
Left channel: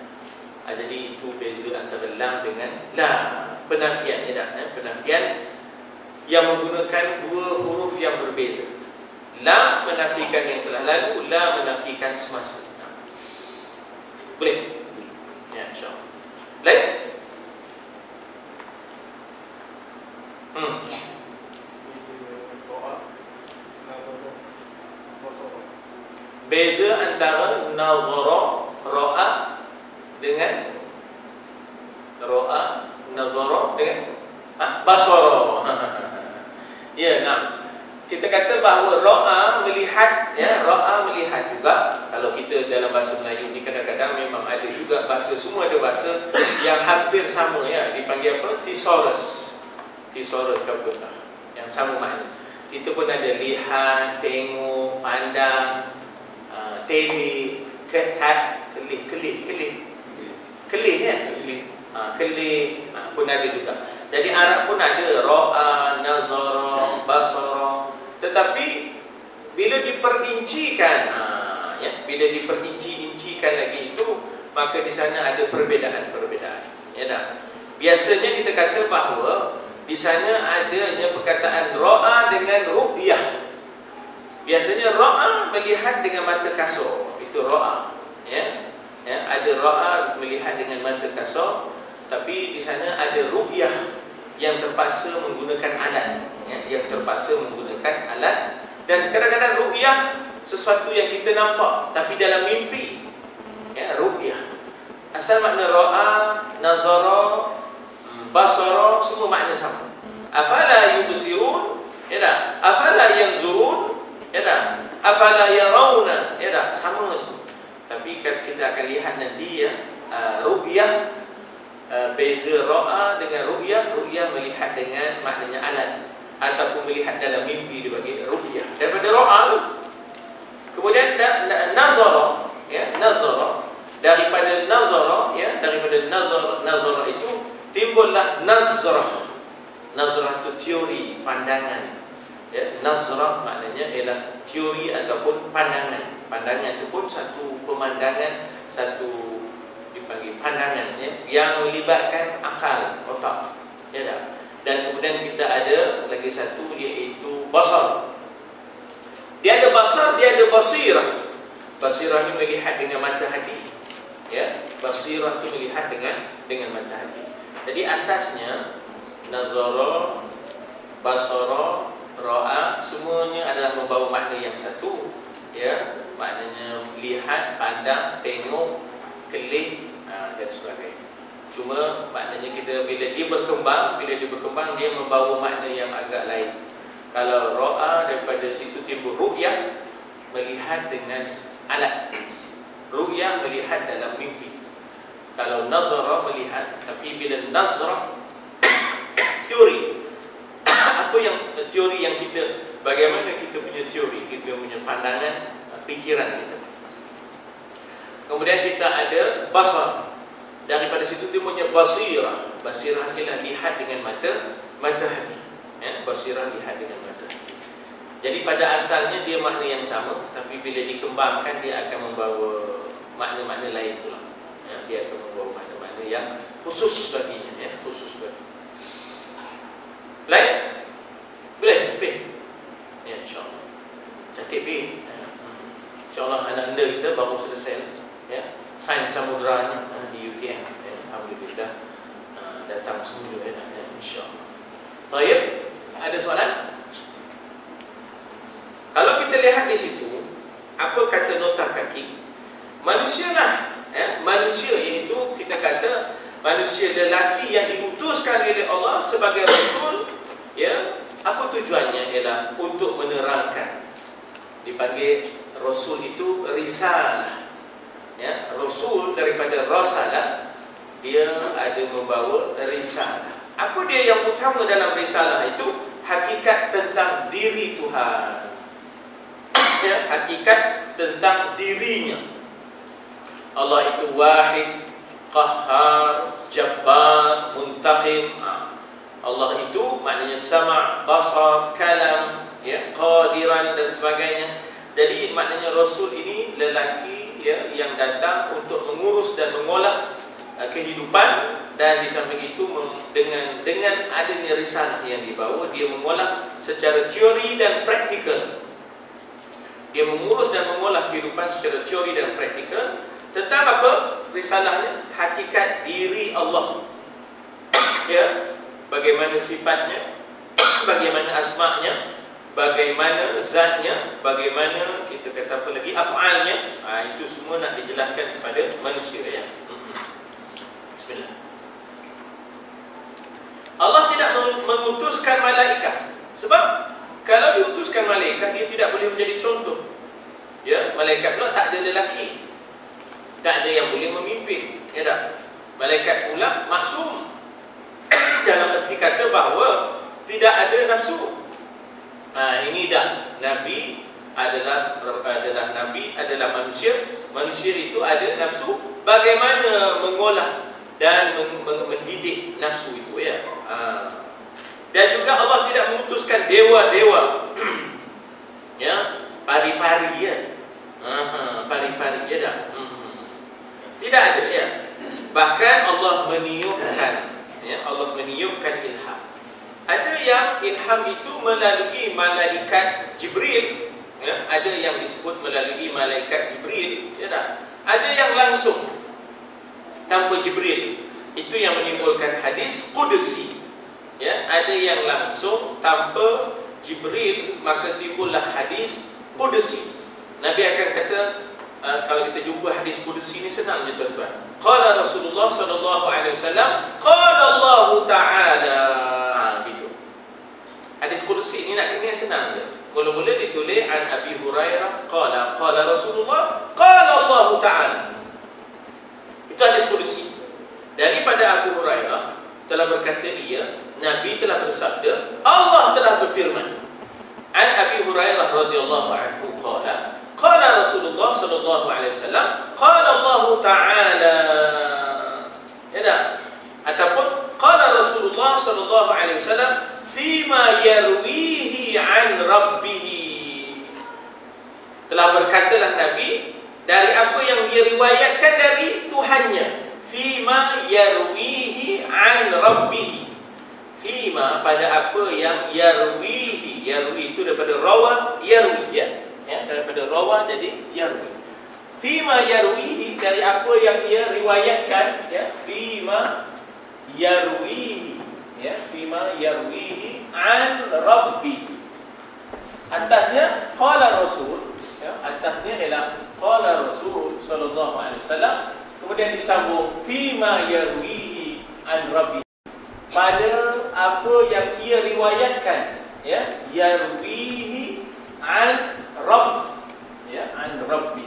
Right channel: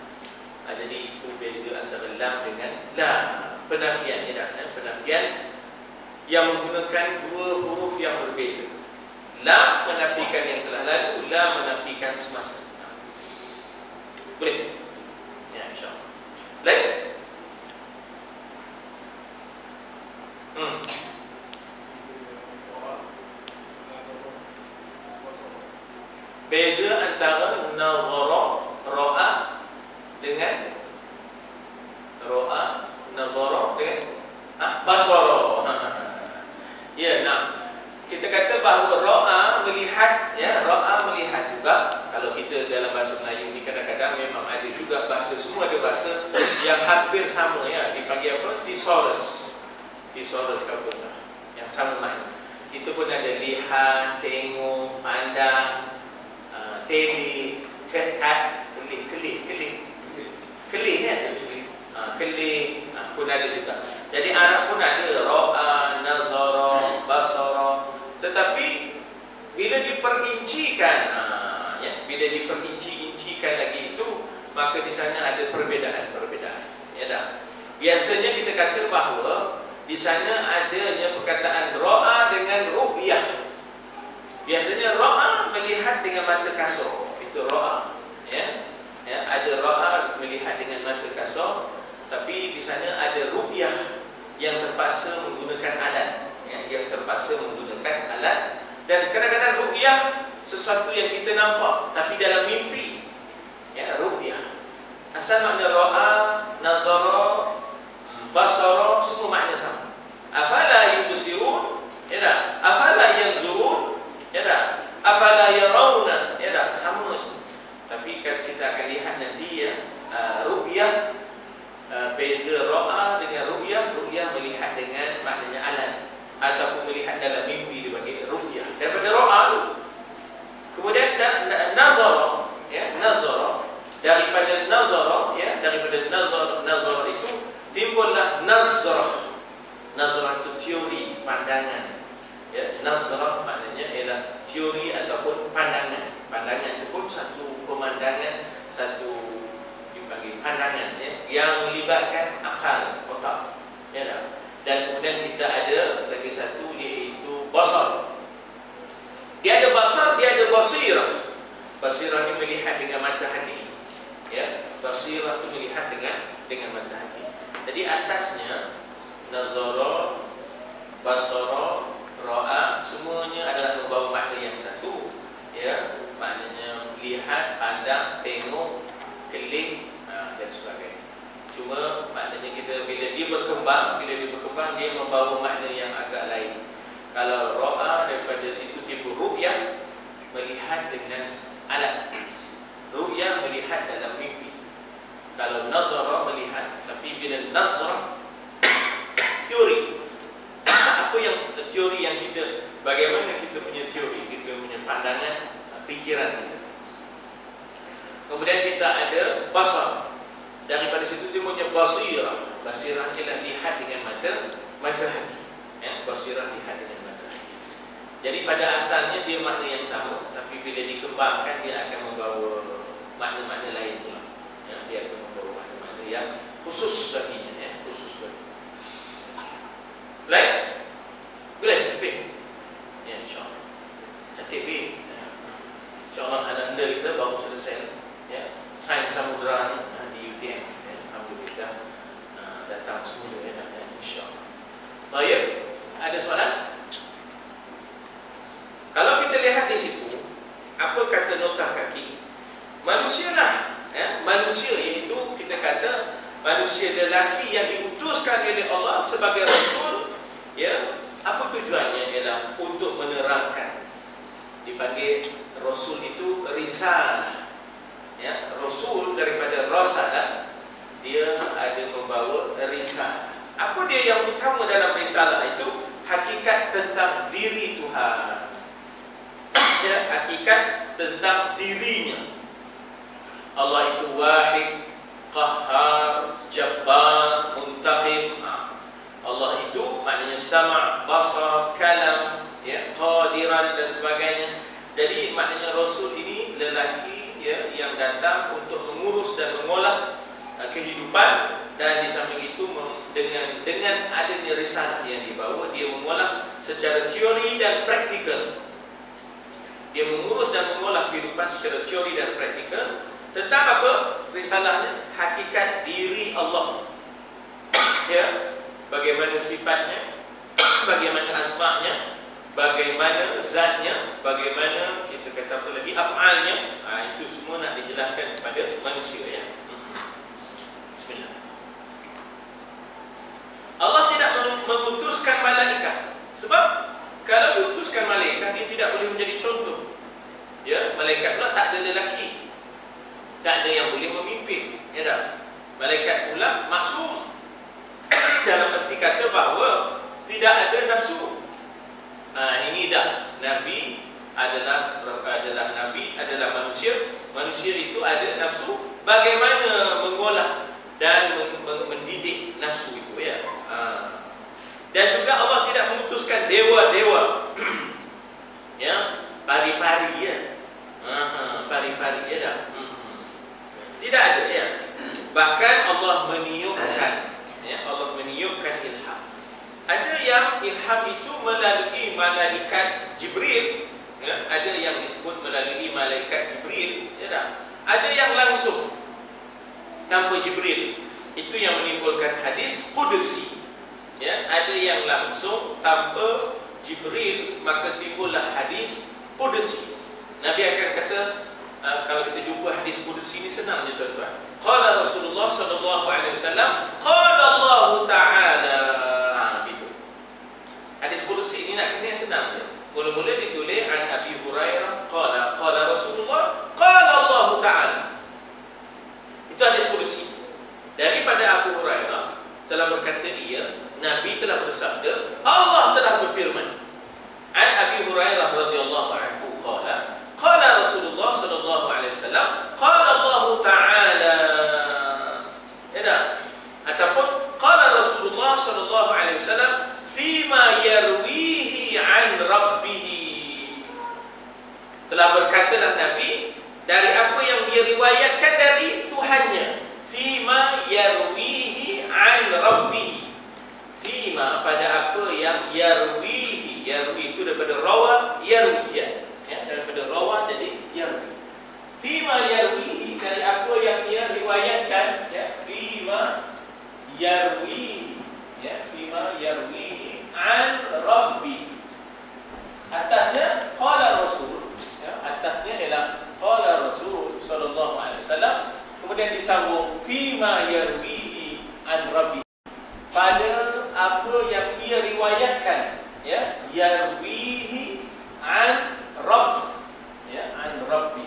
Jadi itu beza antara lam dengan la. Penafian, ya tak? Penafian yang menggunakan dua huruf yang berbeza. Lam menafikan yang telah lalu, la menafikan semasa. Boleh? Ya, insyaAllah. Boleh? Beza antara nazara, ra'a dengan ra'a, nazara dengan basara. Ya, nah. Kita kata bahawa ra'a melihat, ya, ra'a melihat juga. Kalau kita dalam bahasa Melayu ni kadang-kadang memang ada juga bahasa, semua ada bahasa yang hampir sama, ya, dipanggil apa? Thesaurus. Thesaurus apa pun yang sama makna. Kita pun ada lihat, tengok, pandang, tele, kekat, kelih kan? Kelih pun ada juga. Jadi Arab pun ada ra'a, nazara, basara. Tetapi bila diperincikan, ya, bila diperinci-incikan lagi itu, maka di sana ada perbezaan-perbezaan. Ya dah. Biasanya kita kata bahawa di sana adanya perkataan ra'a dengan ru'yah. Biasanya ra'a melihat dengan mata kasar, itu ra'a. Ya, ya, ada ra'a melihat dengan mata kasar, tapi di sana ada ru'yah yang terpaksa menggunakan alat, ya, yang terpaksa menggunakan alat. Dan kadang-kadang ru'yah sesuatu yang kita nampak tapi dalam mimpi. Ya, ru'yah. Asal makna ra'a, nazara, basara semua makna sama. Afala yubsirun, ya tak? Afala yanzurun, ya tak? Afala yarawna, ya tak? Sama semua. Tapi kita akan lihat nanti, ya, ru'yah, beza ra'a dengan ru'yah. Ru'yah melihat dengan maknanya alat, ataupun melihat dalam mimpi dibagi ru'yah. Daripada ra'a tu. Kemudian nazara, ya, nazara. Daripada nazara, ya, daripada nazara itu timbullah nazrah. Nazrah itu teori, pandangan. Ya, nazrah maknanya ialah teori ataupun pandangan. Pandangan itu pun satu pemandangan, satu dipanggil pandangan, ya, yang melibatkan akal, otak. Ya tak? Dan kemudian kita ada lagi satu, iaitu basar. Dia ada basar, dia ada basirah. Basirah ini melihat dengan mata hati. Ya, basirah itu melihat dengan mata hati. Jadi asasnya nazara, basara, ra'a semuanya adalah membawa makna yang satu. Ya, maknanya lihat, pandang, tengok, kelih, dan sebagainya. Cuma maknanya kita bila dia berkembang dia membawa makna yang agak lain. Kalau ra'a daripada situ timbul ru'yah, melihat dengan alat. Ru'yah melihat dalam mimpi. Kalau nazara melihat, tapi bila nazrah teori. Apa yang teori yang kita, bagaimana kita punya teori, kita punya pandangan, fikiran kita. Kemudian kita ada basar. Daripada situ timbulnya basirah. Basirah ialah lihat dengan mata hati. Ya, basirah lihat dengan mata hati. Jadi pada asalnya dia makna yang sama, tapi bila dikembangkan dia akan membawa makna-makna lain pula. Ya, dia akan membawa makna-makna yang khusus baginya, ya, khusus bagi. Lain? Boleh? Lebih? Ya, insyaAllah. Cantik B. InsyaAllah anak-anda kita baru selesai, ya, sains samudera di UTM, ya, alhamdulillah, datang semua, ya, insyaAllah. Baik, ada soalan? Kalau kita lihat di situ, apa kata nota kaki? Manusia lah, ya, manusia, iaitu kita kata manusia lelaki yang diutuskan oleh Allah sebagai Rasul, ya, Apa tujuannya? Ialah untuk menerangkan. Dipanggil Rasul itu risalah. Ya, Rasul daripada rasalah, dia ada membawa risalah. Apa dia yang utama dalam risalah itu? Hakikat tentang diri Tuhan. Ya, hakikat tentang dirinya. Allah itu wahid, qahhar, jabbar, muntaqim. Allah itu maknanya sama', basar, kalam, ya, qadiran dan sebagainya. Jadi maknanya Rasul ini lelaki, ya, yang datang untuk mengurus dan mengolah kehidupan, dan di samping itu dengan adanya risalah yang dibawa, dia mengolah secara teori dan praktikal. Dia mengurus dan mengolah kehidupan secara teori dan praktikal. Tentang apa risalahnya? Hakikat diri Allah. Ya, bagaimana sifatnya, bagaimana asma'nya, bagaimana zatnya, bagaimana kita kata apa lagi, af'alnya. Itu semua nak dijelaskan kepada manusia, ya. Bismillah. Allah tidak mengutuskan malaikat. Sebab kalau diutuskan malaikat, dia tidak boleh menjadi contoh. Ya, malaikat pula tak ada lelaki, tak ada yang boleh memimpin, ya tak? Malaikat pula maksum dalam erti kata bahawa tidak ada nafsu. Ini dah Nabi adalah Nabi, adalah manusia. Manusia itu ada nafsu. Bagaimana mengolah dan mendidik nafsu itu, ya. Dan juga Allah tidak mengutuskan dewa-dewa. Ya, pari-pari, ya. Pari-pari, ya dah. Tidak ada, ya. Bahkan Allah meniupkan, ya, Allah meniupkan ilham. Ada yang ilham itu melalui malaikat Jibril, ya. Ada yang disebut melalui malaikat Jibril, ya dah. Ada yang langsung tanpa Jibril. Itu yang menimbulkan hadis Qudsi. Ya, ada yang langsung tanpa Jibril, maka timbullah hadis Qudsi. Nabi akan kata, kalau kita jumpa hadis Qudsi ni senang je, tuan-tuan. Qala Rasulullah sallallahu alaihi wasallam, qala Allah Ta'ala. Gitu. Hadis Qudsi ni nak kena senang je. Mula-mula ditulis an Abi Hurairah qala Rasulullah qala Allah Ta'ala. Itu hadis Qudsi. Daripada Abu Hurairah telah berkata dia, Nabi telah bersabda, Allah telah berfirman. An Abi Hurairah radhiyallahu anhu qala Rasulullah sallallahu alaihi wasallam qala Allah Ta'ala. Ya tak? Ataupun qala Rasulullah sallallahu alaihi wasallam fima yarwihi an rabbih. Telah berkatalah Nabi dari apa yang dia riwayatkan dari Tuhannya. Fima yarwihi an rabbih. Fima, pada apa yang yarwihi. Yarwi itu daripada rawa, yarwi, ya. Ya, daripada rawa jadi yarwi. Fima yarwihi, dari apa yang ia riwayatkan, ya. Fima yarwihi, ya. Fima yarwihi an rabbih. Atasnya qala Rasul, ya. Atasnya ialah qala Rasul sallallahu alaihi wasallam. Kemudian disambung fima yarwihi an rabbi, pada apa yang ia riwayatkan, ya, yarwihi an rabb, ya, an rabbi,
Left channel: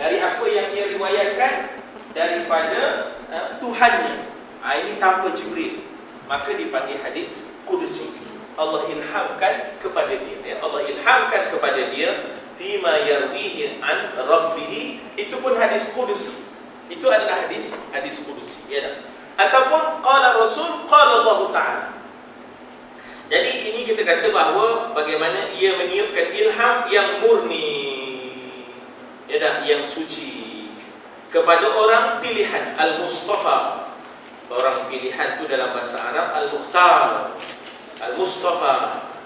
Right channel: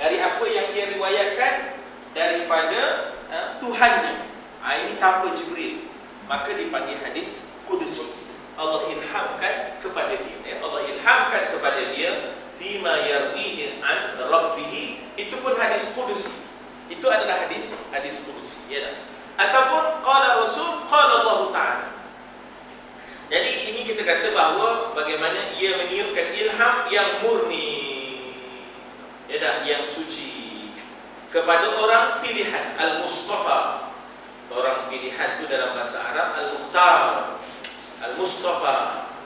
dari apa yang ia riwayatkan daripada Tuhannya. Ini tanpa Jibril, maka dipanggil hadis Qudsi. Allah ilhamkan kepada dia, ya. Allah ilhamkan kepada dia fima yarwihi an rabbih. Itu pun hadis Qudsi. Itu adalah hadis Qudsi, ya tak? Ataupun qala Rasul qala Allah Ta'ala. Jadi ini kita kata bahawa bagaimana ia meniupkan ilham yang murni, ya tak? Yang suci kepada orang pilihan, Al-Mustafa. Orang pilihan itu dalam bahasa Arab Al-Mukhtar, Al-Mustafa,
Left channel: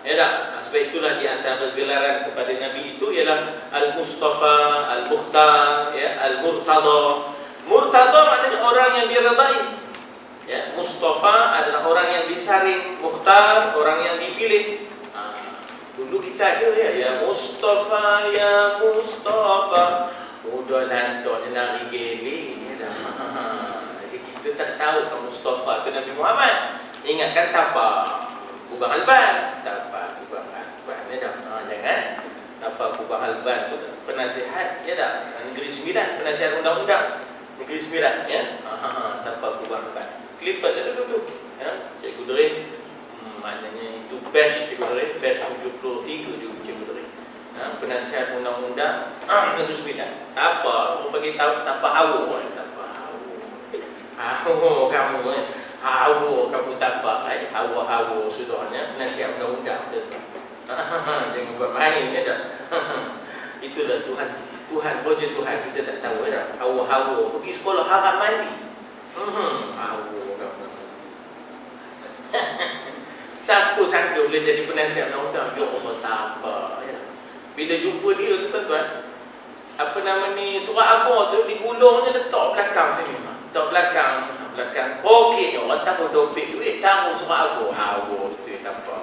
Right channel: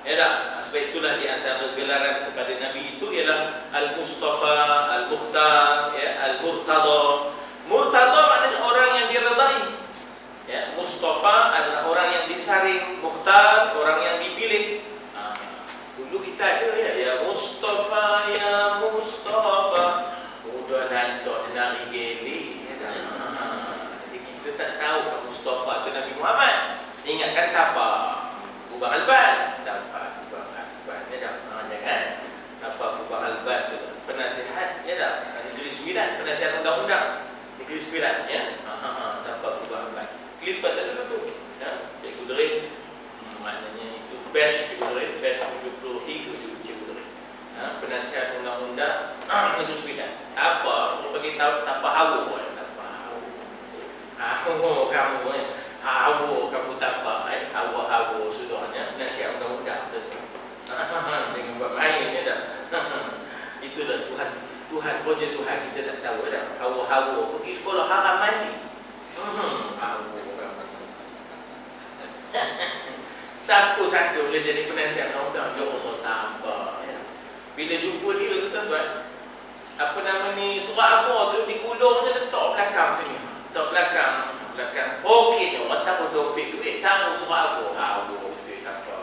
ya tak? Sebab itulah di antara gelaran kepada Nabi itu ialah Al-Mustafa, Al-Mukhtar, ya, Al-Murtada. Murtada maknanya orang yang diredai, ya. Mustafa adalah orang yang disaring, Mukhtar orang yang dipilih. Dulu kita ada, ya Mustafa, ya Mustafa. Udah lantok nari geli, ya. Jadi kita tak tahu kan Mustafa itu Nabi Muhammad. Ingatkan tapa Ubang Alban, tapa Penasihat ya dah. Negeri Sembilan, penasihat undang-undang Negeri Sembilan ya. Tanpa perubahan. Clifford dah dulu tu. Ya, Cikgu Drin. Maknanya itu batch Cikgu Drin, batch 73 tu Cikgu Drin. Penasihat undang-undang Negeri Sembilan. Apa? Mau bagi tahu tanpa hawa pun. Tanpa hawa kamu hawa kamu tanpa hawa sudahnya penasihat undang-undang betul. Jangan buat main ya dah. Itulah Tuhan kerja Tuhan kita tak tahu dah. Hawa pergi sekolah haram mandi. Hawa Siapa boleh jadi penasihat undang-undang? Ya Allah tanpa ya. Bila jumpa dia tu tuan-tuan, apa nama ni, surat apa tu digulung je letak belakang sini. Letak belakang poket orang tak boleh dompet duit, tahu surat apa. Hawa betul tanpa.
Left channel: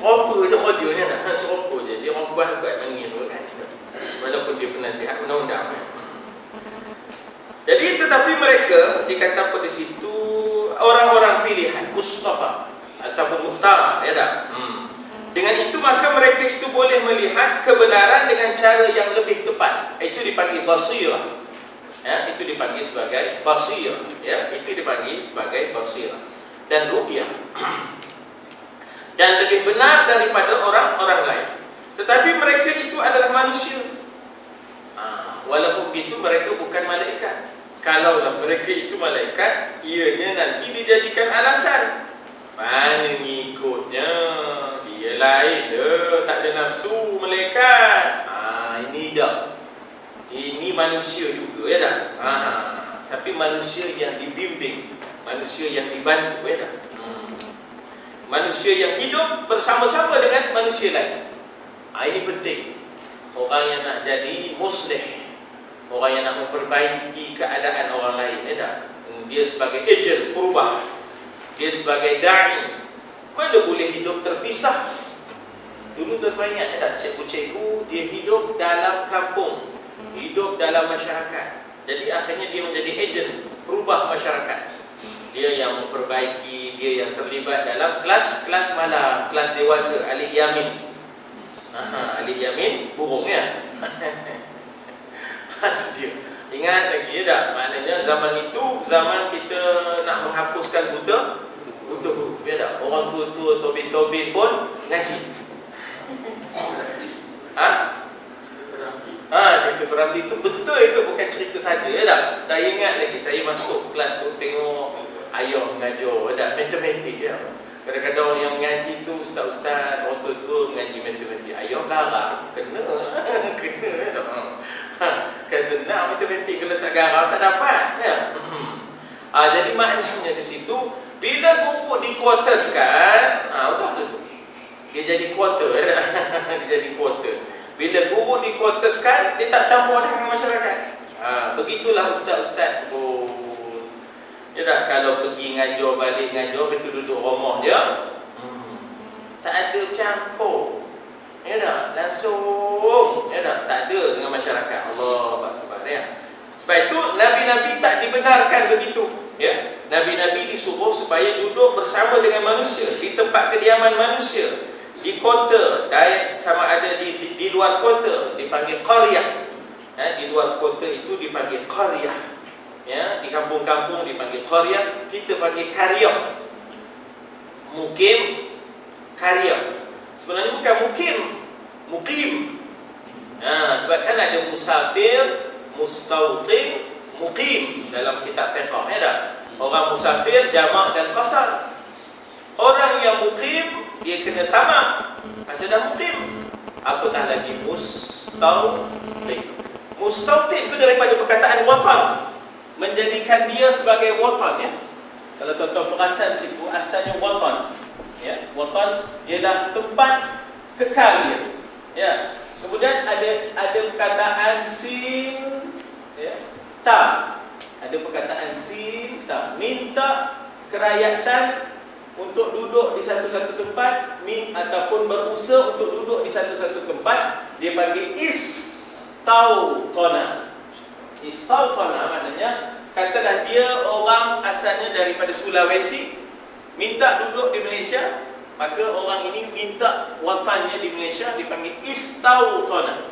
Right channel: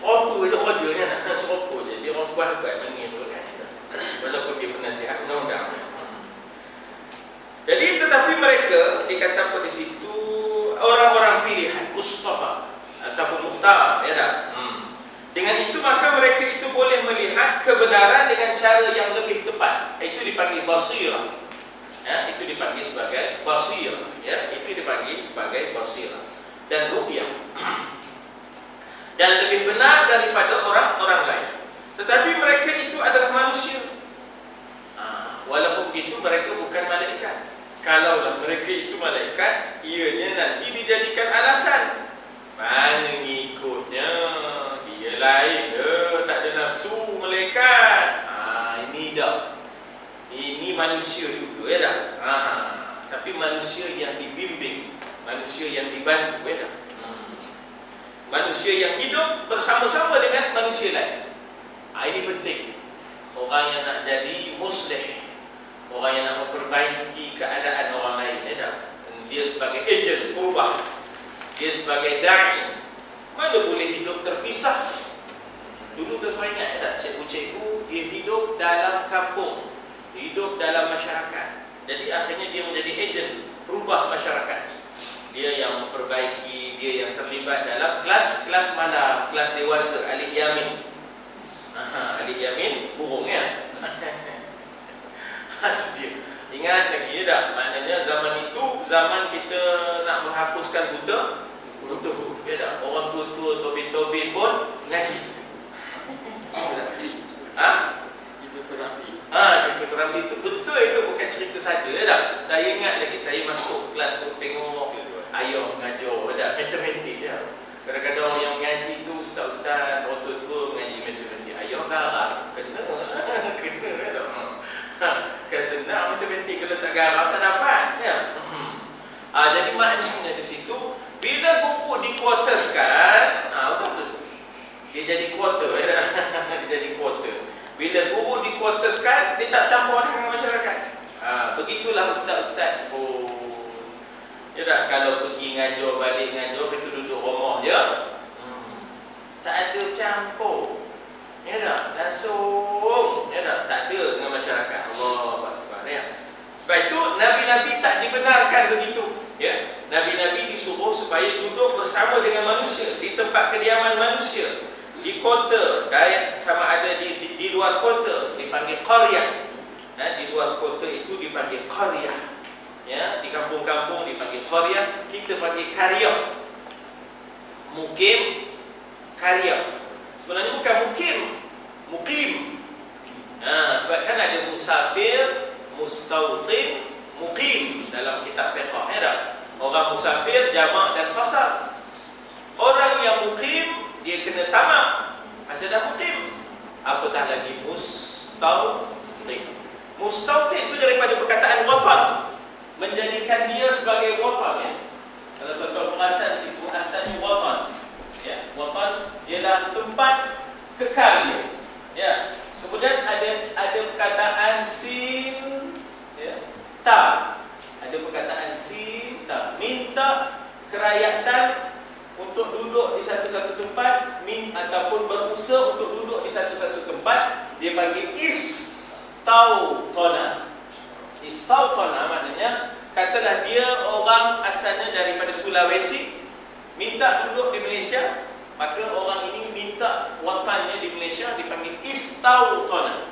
Seropa je kerjanya nak. Seropa je. Dia orang buat mangin tu kan. Walaupun dia penasihat undang-undang. Jadi tetapi mereka dikata pada situ orang-orang pilihan Mustafa ataupun Muftara ya tak? Dengan itu maka mereka itu boleh melihat kebenaran dengan cara yang lebih tepat. Itu dipanggil basirah. Ya, itu dipanggil sebagai basirah. Ya, itu dipanggil sebagai basirah dan ru'yah. Dan lebih benar daripada orang-orang lain. Tetapi mereka itu adalah manusia. Walaupun begitu mereka bukan malaikat. Kalaulah mereka itu malaikat, ianya nanti dijadikan alasan. Mana ngikutnya? Dia lain dah, tak ada nafsu malaikat. Ini dah. Ini manusia juga ya dah. Tapi manusia yang dibimbing, manusia yang dibantu ya dah. Manusia yang hidup bersama-sama dengan manusia lain. Ini penting. Orang yang nak jadi muslih, orang yang nak memperbaiki keadaan orang lain ya tak? Dia sebagai ejen berubah, dia sebagai da'i. Mana boleh hidup terpisah? Dulu terbanyak ya tak? Cikgu-cikgu dia hidup dalam kampung, hidup dalam masyarakat. Jadi akhirnya dia menjadi ejen berubah masyarakat. Dia yang memperbaiki, dia yang terlibat dalam kelas malam, kelas dewasa, Alik Yamin. Alik Yamin burung ya. Itu dia. Ingat lagi ya tak? Maknanya zaman itu zaman kita nak menghapuskan buta huruf ya tak? Orang tua-tua tobe-tobe pun ngaji. Cerita Peramli itu betul, itu bukan cerita saja ya tak? Saya ingat lagi saya masuk kelas tu tengok ayah mengajar ya tak? Matematik ya. Kadang-kadang orang yang mengaji tu ustaz-ustaz, orang tua-tua mengaji matematik. Ayah garang, kena ya tak? Kan senang matematik, kalau tak garang tak dapat ya? Jadi maknanya di situ bila guru dikuarterskan, udah tu dia jadi kuarter ya? Dia jadi kuarter. Bila guru dikuarterskan, dia tak campur dengan masyarakat. Begitulah ustaz-ustaz pun ya tak? Kalau pergi ngajar, balik ngajar, mereka duduk rumah je, tak ada campur ya tak? Langsung ya tak? Tak ada dengan masyarakat. Allah Akbar ya. Sebab itu Nabi-Nabi tak dibenarkan begitu ya. Nabi-Nabi disuruh supaya duduk bersama dengan manusia di tempat kediaman manusia, di kota, sama ada di luar kota dipanggil qaryah ya. Di luar kota itu dipanggil qaryah ya. Di kampung-kampung dipanggil qaryah, kita panggil karyah. Mukim, karyah. Sebenarnya bukan mukim. Sebab kan ada musafir, mustautin, mukim dalam kitab fiqh ya tak? Orang musafir jamak dan qasar. Orang yang mukim dia kena tamak masa dah mukim. Apatah lagi mustautin. Mustautin itu daripada perkataan watan, menjadikan dia sebagai watan ya. Kalau tuan-tuan perasan situ asalnya watan ya. Watan ialah tempat kekal dia ya. Kemudian ada perkataan sin ya, ta. Ada perkataan sin ta, minta kerakyatan untuk duduk di satu-satu tempat, ataupun berusaha untuk duduk di satu-satu tempat, dia panggil istautona. Istautona maknanya katalah dia orang asalnya daripada Sulawesi, minta duduk di Malaysia, maka orang ini minta watannya di Malaysia dipanggil istautana.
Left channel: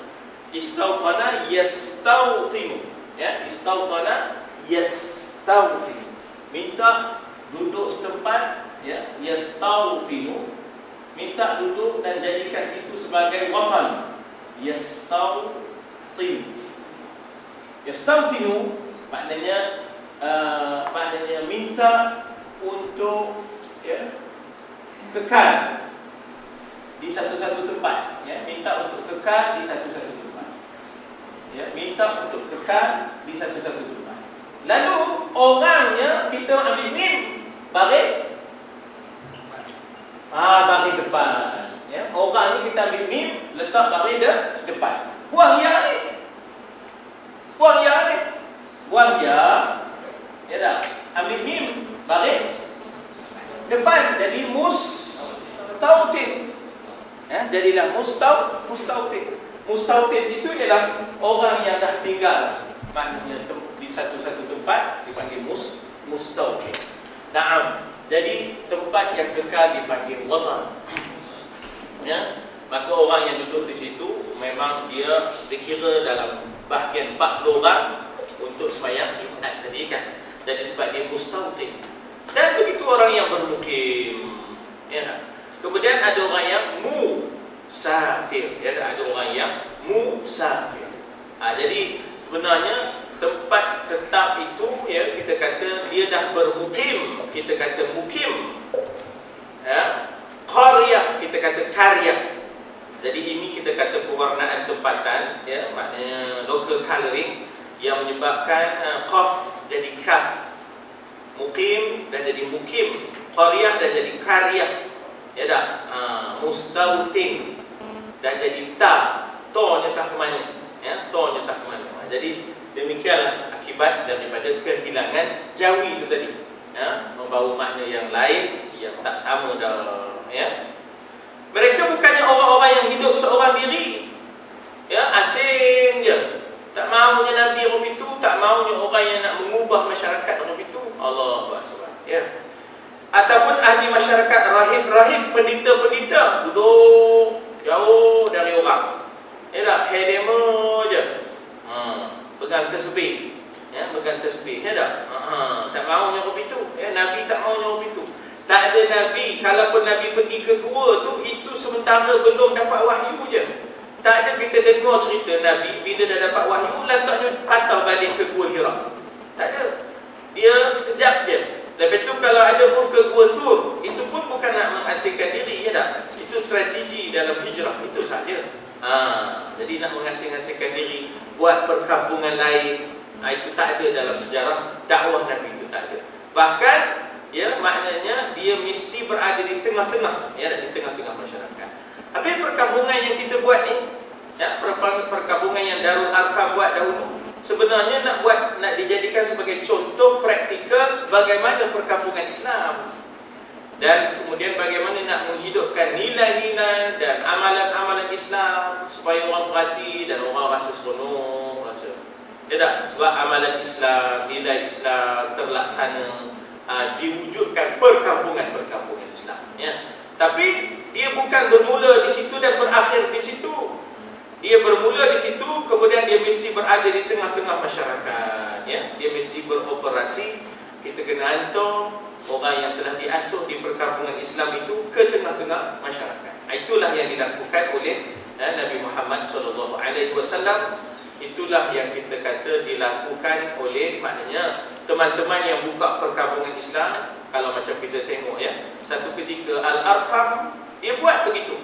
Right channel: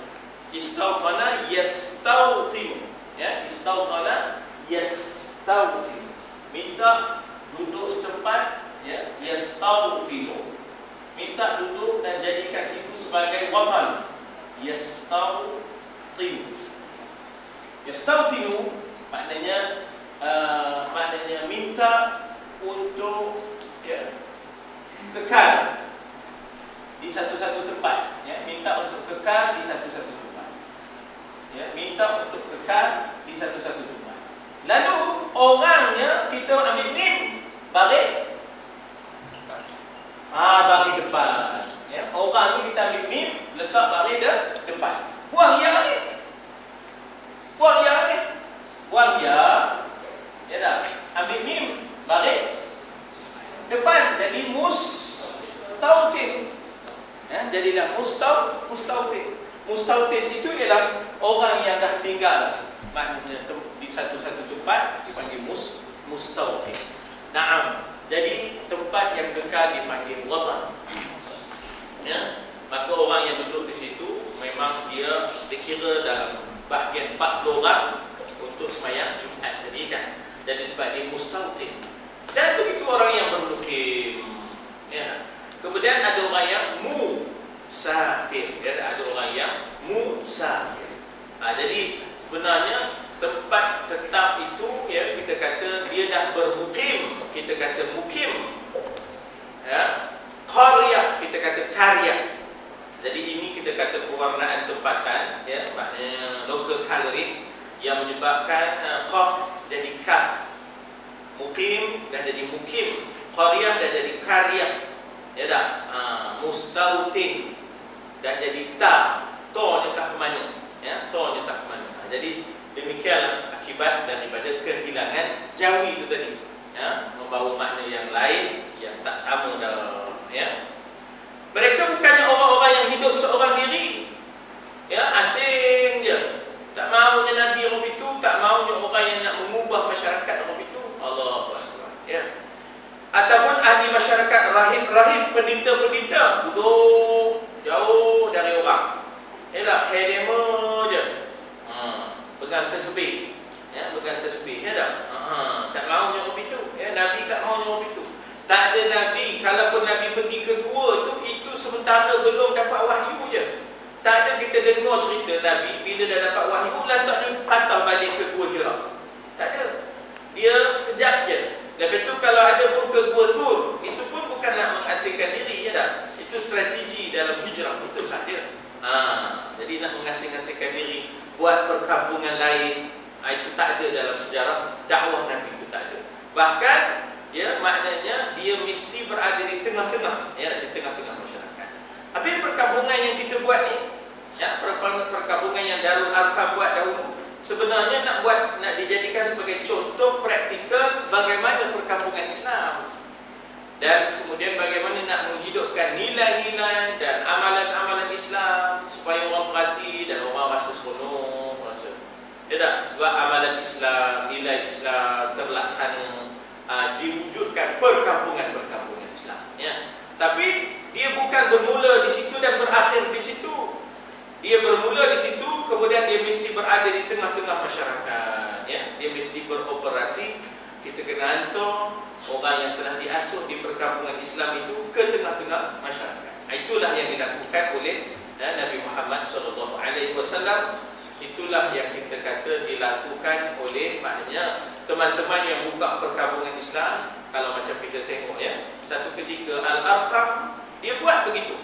Istautana yastautinu. Ya, istautana yastautinu. Minta duduk setempat, ya, yastautinu. Minta duduk dan jadikan situ sebagai watan. Yastautinu. Yastautinu maknanya minta untuk, ya, kekal di satu-satu tempat, ya, minta untuk kekal di satu-satu tempat, ya, minta untuk kekal di satu-satu tempat. Lalu orangnya kita ambil mim baris depan, ya, orang ni kita ambil mim letak baris depan. Buang ya ni, buang ya ni, buang ya, ya dah, ambil mim baris depan, jadi mustautin, ya, jadilah mustautin. Mustautin itu ialah orang yang dah tinggal, maknanya di satu-satu tempat dipanggil mustautin. Naam, jadi tempat yang kekal dipanggil watan. Ya, maka orang yang duduk di situ memang dia dikira dalam bahagian 40 orang untuk sembahyang Jumaat tadi kan. Jadi sebab dia mustautin. Dan begitu orang yang bermukim, ya. Kemudian ada orang yang musafir, ya, ada orang yang musafir. Jadi sebenarnya tempat tetap itu, ya, kita kata dia dah bermukim, kita kata mukim. Ya. Qaryah, kita kata karya. Jadi ini kita kata pewarnaan tempatan, ya, maknanya local coloring yang menyebabkan qaf jadi kaf. Mukim dah jadi mukim, qaryah dah jadi karyah, ya dah. Mustautin dah jadi ta, to nyetah ke mana, ya, to nyetah ke mana. Jadi demikianlah akibat daripada kehilangan jawi itu tadi, ya, membawa makna yang lain yang tak sama dah, ya. Mereka bukannya orang-orang yang hidup seorang diri, ya, asing je. Tak maunya Nabi orang itu, tak maunya orang yang nak mengubah masyarakat orang itu. Allahu Akbar, ya. Ataupun ahli masyarakat, rahib-rahib, pendeta-pendeta duduk jauh dari orang, ya dah, hedema je, pegang tasbih, ya, pegang tasbih, ya dah. Tak maunya orang itu, ya, Nabi tak maunya orang itu. Tak ada Nabi, kalaupun Nabi pergi ke gua tu, itu sementara belum dapat wahyu je. Tak ada kita dengar cerita Nabi bila dah dapat wahyu letaknya patah balik ke Gua Hira. Tak ada. Dia kejap je. Lepas tu kalau ada pun ke Gua Sur, itu pun bukan nak mengasingkan diri, ya tak? Itu strategi dalam hijrah, itu sahaja. Jadi nak mengasing-asingkan diri, buat perkampungan lain, itu tak ada dalam sejarah dakwah Nabi, itu tak ada. Bahkan, ya, maknanya dia mesti berada di tengah-tengah, ya, di tengah-tengah masyarakat. Habis perkampungan yang kita buat ni, ya, perkampungan yang Darul Arqam buat dahulu, sebenarnya nak dijadikan sebagai contoh praktikal bagaimana perkampungan Islam. Dan kemudian bagaimana nak menghidupkan nilai-nilai dan amalan-amalan Islam supaya orang perhati dan orang rasa seronok, rasa. Ya tak? Sebab amalan Islam, nilai Islam terlaksana, diwujudkan perkampungan-perkampungan Islam, ya. Tapi dia bukan bermula di situ dan berakhir di situ. Dia bermula di situ, kemudian dia mesti berada di tengah-tengah masyarakat, ya. Dia mesti beroperasi. Kita kena hantar orang yang telah diasuh di perkampungan Islam itu ke tengah-tengah masyarakat. Itulah yang dilakukan oleh Nabi Muhammad SAW. Itulah yang kita kata dilakukan oleh, maknanya teman-teman yang buka perkampungan Islam. Kalau macam kita tengok, ya, satu ketika Al-Arqam dia buat begitu.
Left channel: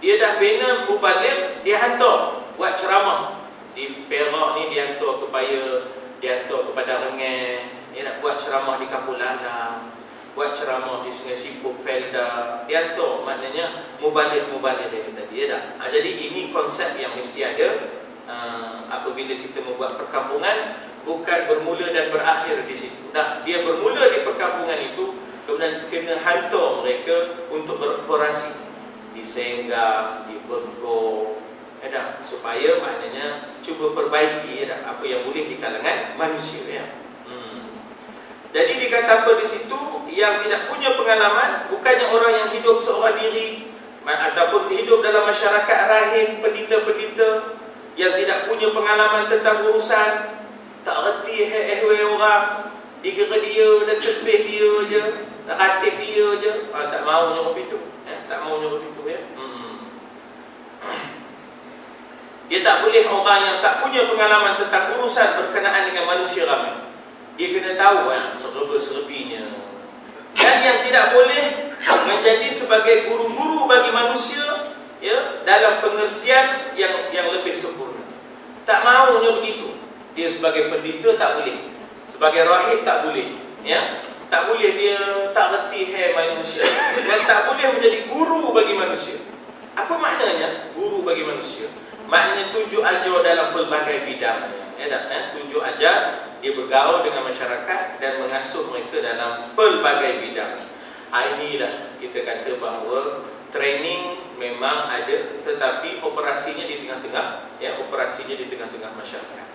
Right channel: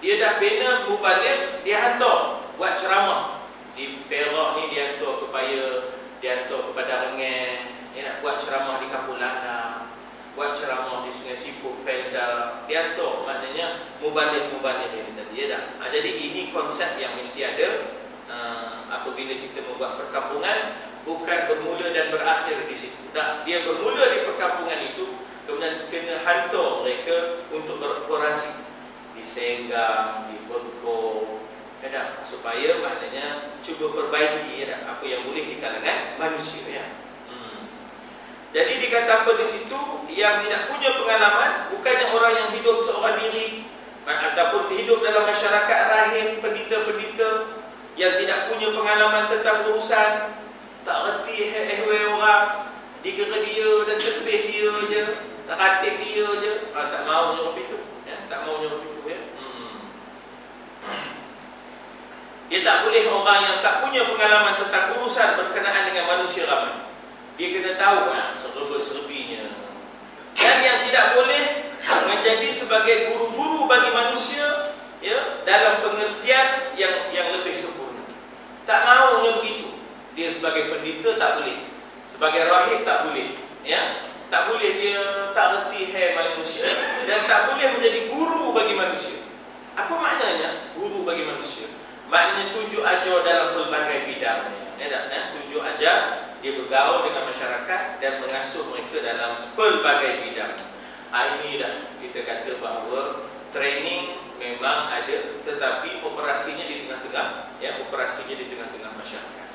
Dia dah bina mubaligh, dia hantar buat ceramah di Perak ni, dia hantar ke Paya, dia hantar kepada Rengeh, dia nak buat ceramah di Kampung Landang, buat ceramah di Sungai Siput, Felda, dia hantar, maknanya mubaligh yang tadi, ya dah. Jadi ini konsep yang mesti ada. Apabila kita membuat perkampungan, bukan bermula dan berakhir di situ. Dia bermula di perkampungan itu, kemudian kena hantar mereka untuk beroperasi di Senggang, di Bengkok, ya, supaya maknanya cuba perbaiki, ya, apa yang boleh di kalangan manusia, ya. Jadi dikata apa di situ? Yang tidak punya pengalaman bukannya orang yang hidup seorang diri ataupun hidup dalam masyarakat rahim, pendeta-pendeta yang tidak punya pengalaman tentang urusan, tak reti orang, dikira dia dan tasbih dia je, tak khatib dia je, tak mau nyuruh itu, tak mau nyuruh itu ya. Dia tak boleh orang yang tak punya pengalaman tentang urusan berkenaan dengan manusia ramai. Dia kena tahu serba-serbinya. Dan yang tidak boleh menjadi sebagai guru-guru bagi manusia ya, dalam pengertian yang lebih sempurna. Tak maunya begitu. Dia sebagai pendeta tak boleh. Sebagai rahib tak boleh. Ya? Tak boleh dia tak reti manusia. Dan tak boleh menjadi guru bagi manusia. Apa maknanya guru bagi manusia? Maknanya tunjuk ajar dalam pelbagai bidang. Tunjuk ajar, dia bergaul dengan masyarakat dan mengasuh mereka dalam pelbagai bidang. Ini dah kita kata bahawa training memang ada, tetapi operasinya di tengah-tengah, ya, operasinya di tengah-tengah masyarakat.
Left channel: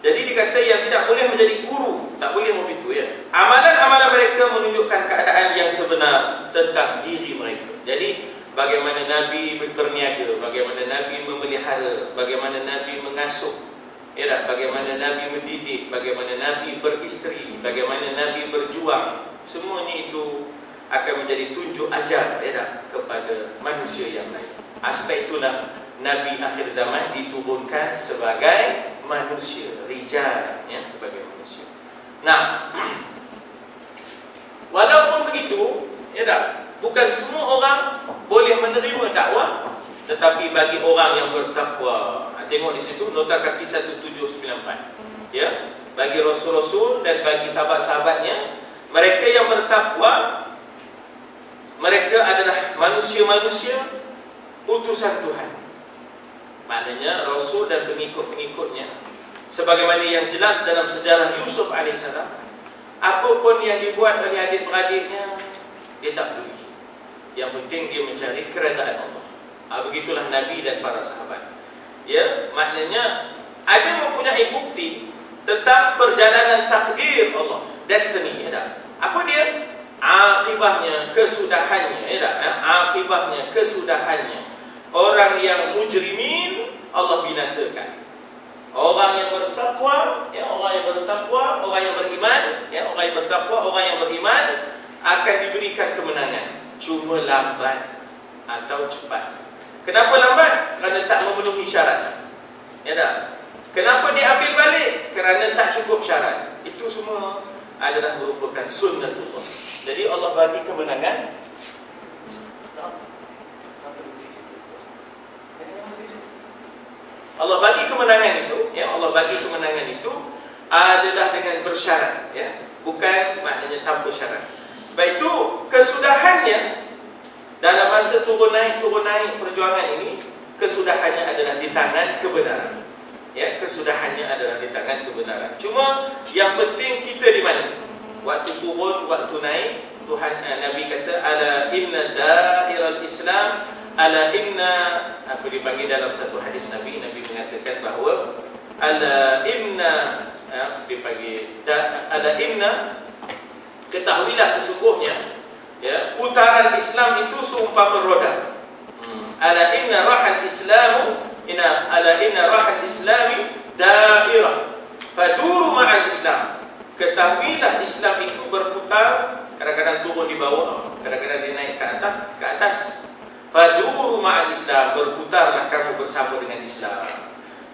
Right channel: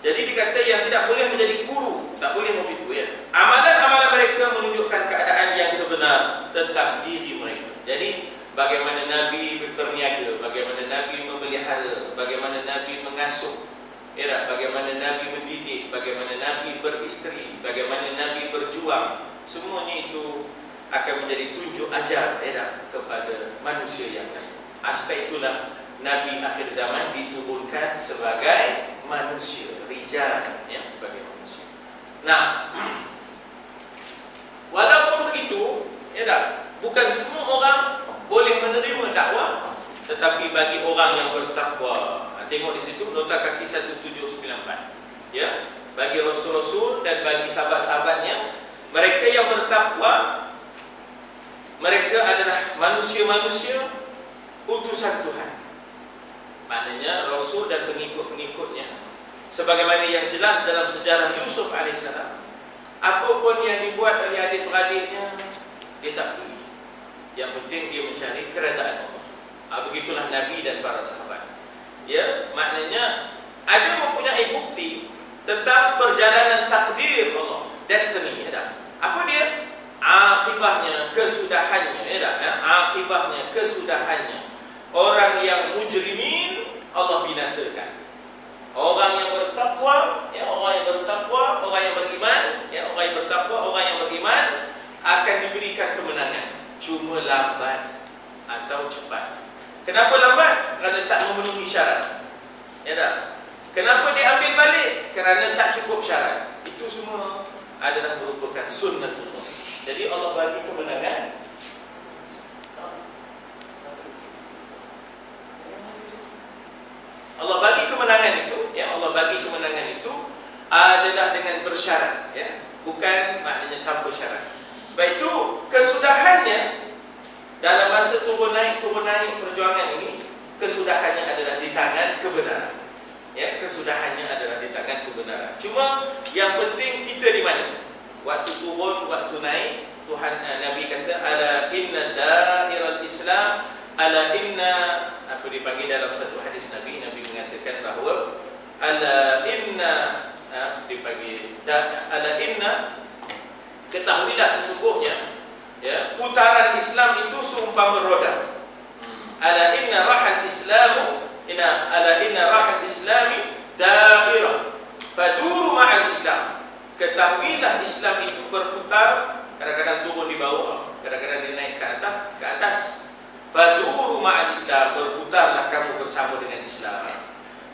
Jadi dikata yang tidak boleh menjadi guru, tak boleh begitu ya. Amalan-amalan mereka menunjukkan keadaan yang sebenar tentang diri mereka. Jadi bagaimana Nabi berniaga, bagaimana Nabi memelihara, bagaimana Nabi mengasuh, ya, bagaimana Nabi mendidik, bagaimana Nabi beristeri, bagaimana Nabi berjuang. Semuanya itu akan menjadi tunjuk ajar ya, kepada manusia yang lain. Aspek itulah Nabi akhir zaman diturunkan sebagai manusia, rijal ya, sebagai manusia. Nah, walaupun begitu, ya tak, bukan semua orang boleh menerima dakwah, tetapi bagi orang yang bertakwa. Tengok di situ nota kaki 1794. Ya, bagi rasul-rasul dan bagi sahabat-sahabatnya, mereka yang bertakwa, mereka adalah manusia-manusia utusan Tuhan. Maknanya rasul dan pengikut-pengikutnya, sebagaimana yang jelas dalam sejarah Yusuf AS, apapun yang dibuat oleh adik-beradiknya, dia tak peduli. Yang penting dia mencari keredaan Allah. Begitulah Nabi dan para sahabat. Ya, maknanya ada mempunyai bukti tentang perjalanan takdir Allah, destiny, ya tak? Apa dia? Akibahnya, kesudahannya, ya tak? Akibahnya, kesudahannya. Orang yang mujrimin Allah binasakan. Orang yang bertakwa, ya, orang yang bertakwa, orang yang beriman, ya, orang yang bertakwa, orang yang beriman akan diberikan kemenangan. Cuma lambat atau cepat. Kenapa lambat? Kerana tak memenuhi syarat. Ya tak? Kenapa diambil balik? Kerana tak cukup syarat. Itu semua adalah merupakan sunnatullah. Jadi Allah bagi kemenangan. Allah bagi kemenangan itu, ya, Allah bagi kemenangan itu adalah dengan bersyarat, ya, bukan maknanya tanpa syarat. Sebab itu kesudahannya dalam masa turun naik perjuangan ini, kesudahannya adalah di tangan kebenaran. Ya, kesudahannya adalah di tangan kebenaran. Cuma yang penting kita di mana? Waktu turun, waktu naik, Tuhan Nabi kata, ala inna da'iral Islam, ala inna, apa dipanggil dalam satu hadis Nabi mengatakan bahawa ala inna, dipanggil ala inna, ketahuilah sesungguhnya, ya, putaran Islam itu seumpama roda. Ala inna rahal Islamu, ala inna rahal Islami dairah faduru ma'al Islam. Ketahuilah Islam itu berputar, kadang-kadang turun di bawah, kadang-kadang dia naik ke atas. Faduru ma'al Islam, berputarlah kamu bersama dengan Islam.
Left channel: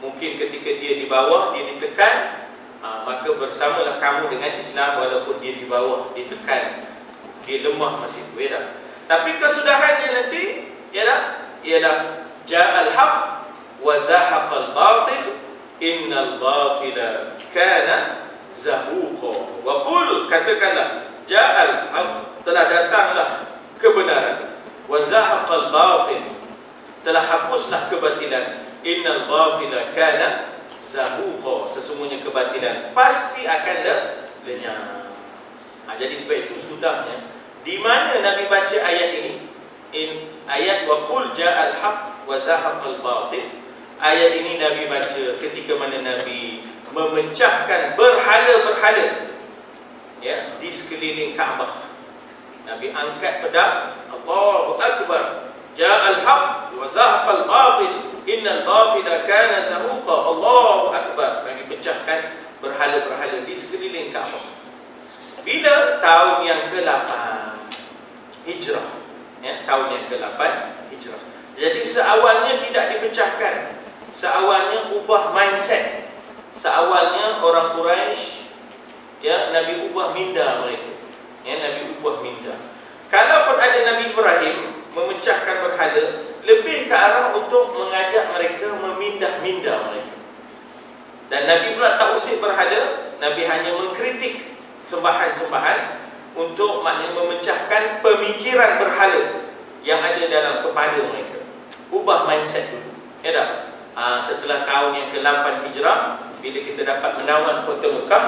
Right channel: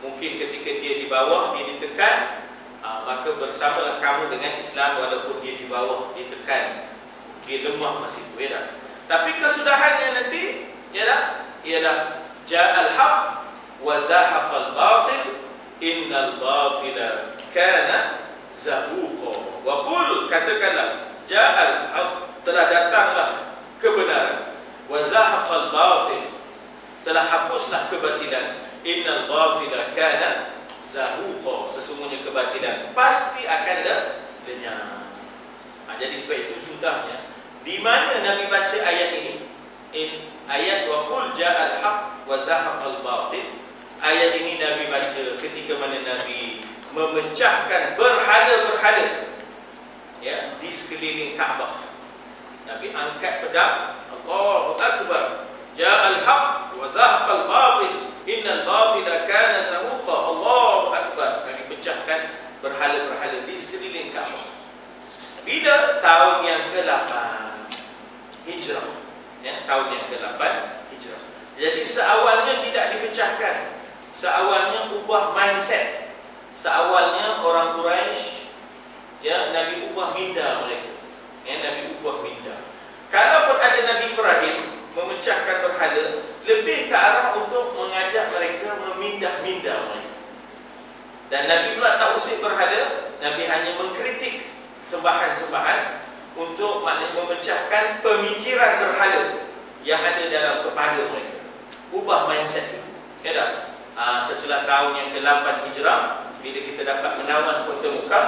Mungkin ketika dia di bawah, dia ditekan, maka bersamalah kamu dengan Islam. Walaupun dia di bawah, ditekan, dia lemah masih itu, ya. Tapi kesudahannya nanti, ya, ialah ja'al haq wa zahaqal batil innal batila kana zahuqa. Wa qul, katakanlah, ja'al haq, telah datanglah kebenaran, wa zahaqal batil, telah hapuslah kebatilan, innal batila kana zahuqa, sesungguhnya kebatilan pasti akan lenyap. Jadi sebab itu sudahnya, di mana Nabi baca ayat ini, ayat wa qul ja'al haq wa zahaqal batil, ayat ini Nabi baca ketika mana Nabi memecahkan berhala-berhala ya di sekeliling Kaabah. Nabi angkat pedang, Allahu Akbar, ja'al haq wa zahaqal batil, innal batila kana zahuqa, Allahu Akbar. Nabi pecahkan berhala-berhala di sekeliling Kaabah. Bila tahun yang ke-8 Hijrah, ya, tahun yang ke-8 Hijrah. Jadi seawalnya tidak dipecahkan. Seawalnya ubah mindset. Seawalnya orang Quraisy, ya, Nabi ubah minda mereka. Ya, Nabi ubah minda. Kalaupun ada Nabi Ibrahim memecahkan berhala, lebih ke arah untuk mengajak mereka memindah minda mereka. Dan Nabi pula tak usik berhala, Nabi hanya mengkritik sembahan-sembahan untuk maknanya memecahkan pemikiran berhala yang ada dalam kepala mereka. Ubah mindset itu. Ya tak? Setelah tahun yang ke-8 Hijrah, bila kita dapat menawan kota Mekah,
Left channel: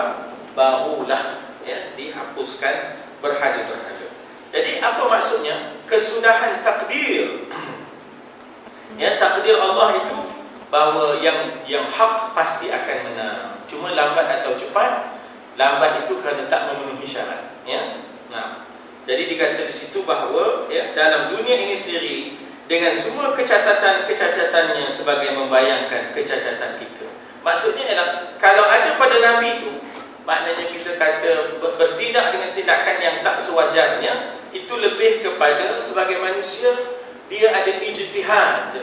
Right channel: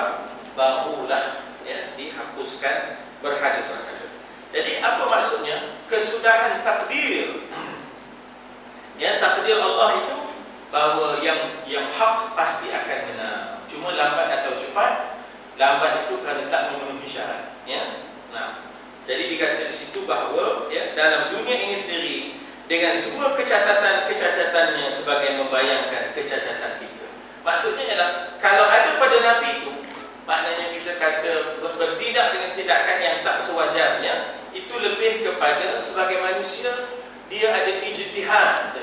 barulah ya, dihapuskan berhala-berhala. Jadi apa maksudnya? Kesudahan takdir. Ya, takdir Allah itu bahawa yang hak pasti akan menang. Cuma lambat atau cepat. Lambat itu kerana tak memenuhi syarat. Ya. Nah, jadi dikata di situ bahawa ya, dalam dunia ini sendiri, dengan semua kecacatan-kecacatannya sebagai membayangkan kecacatan kita. Maksudnya ialah kalau ada pada Nabi itu, maknanya kita kata bertindak dengan tindakan yang tak sewajarnya, itu lebih kepada sebagai manusia dia ada ijtihad.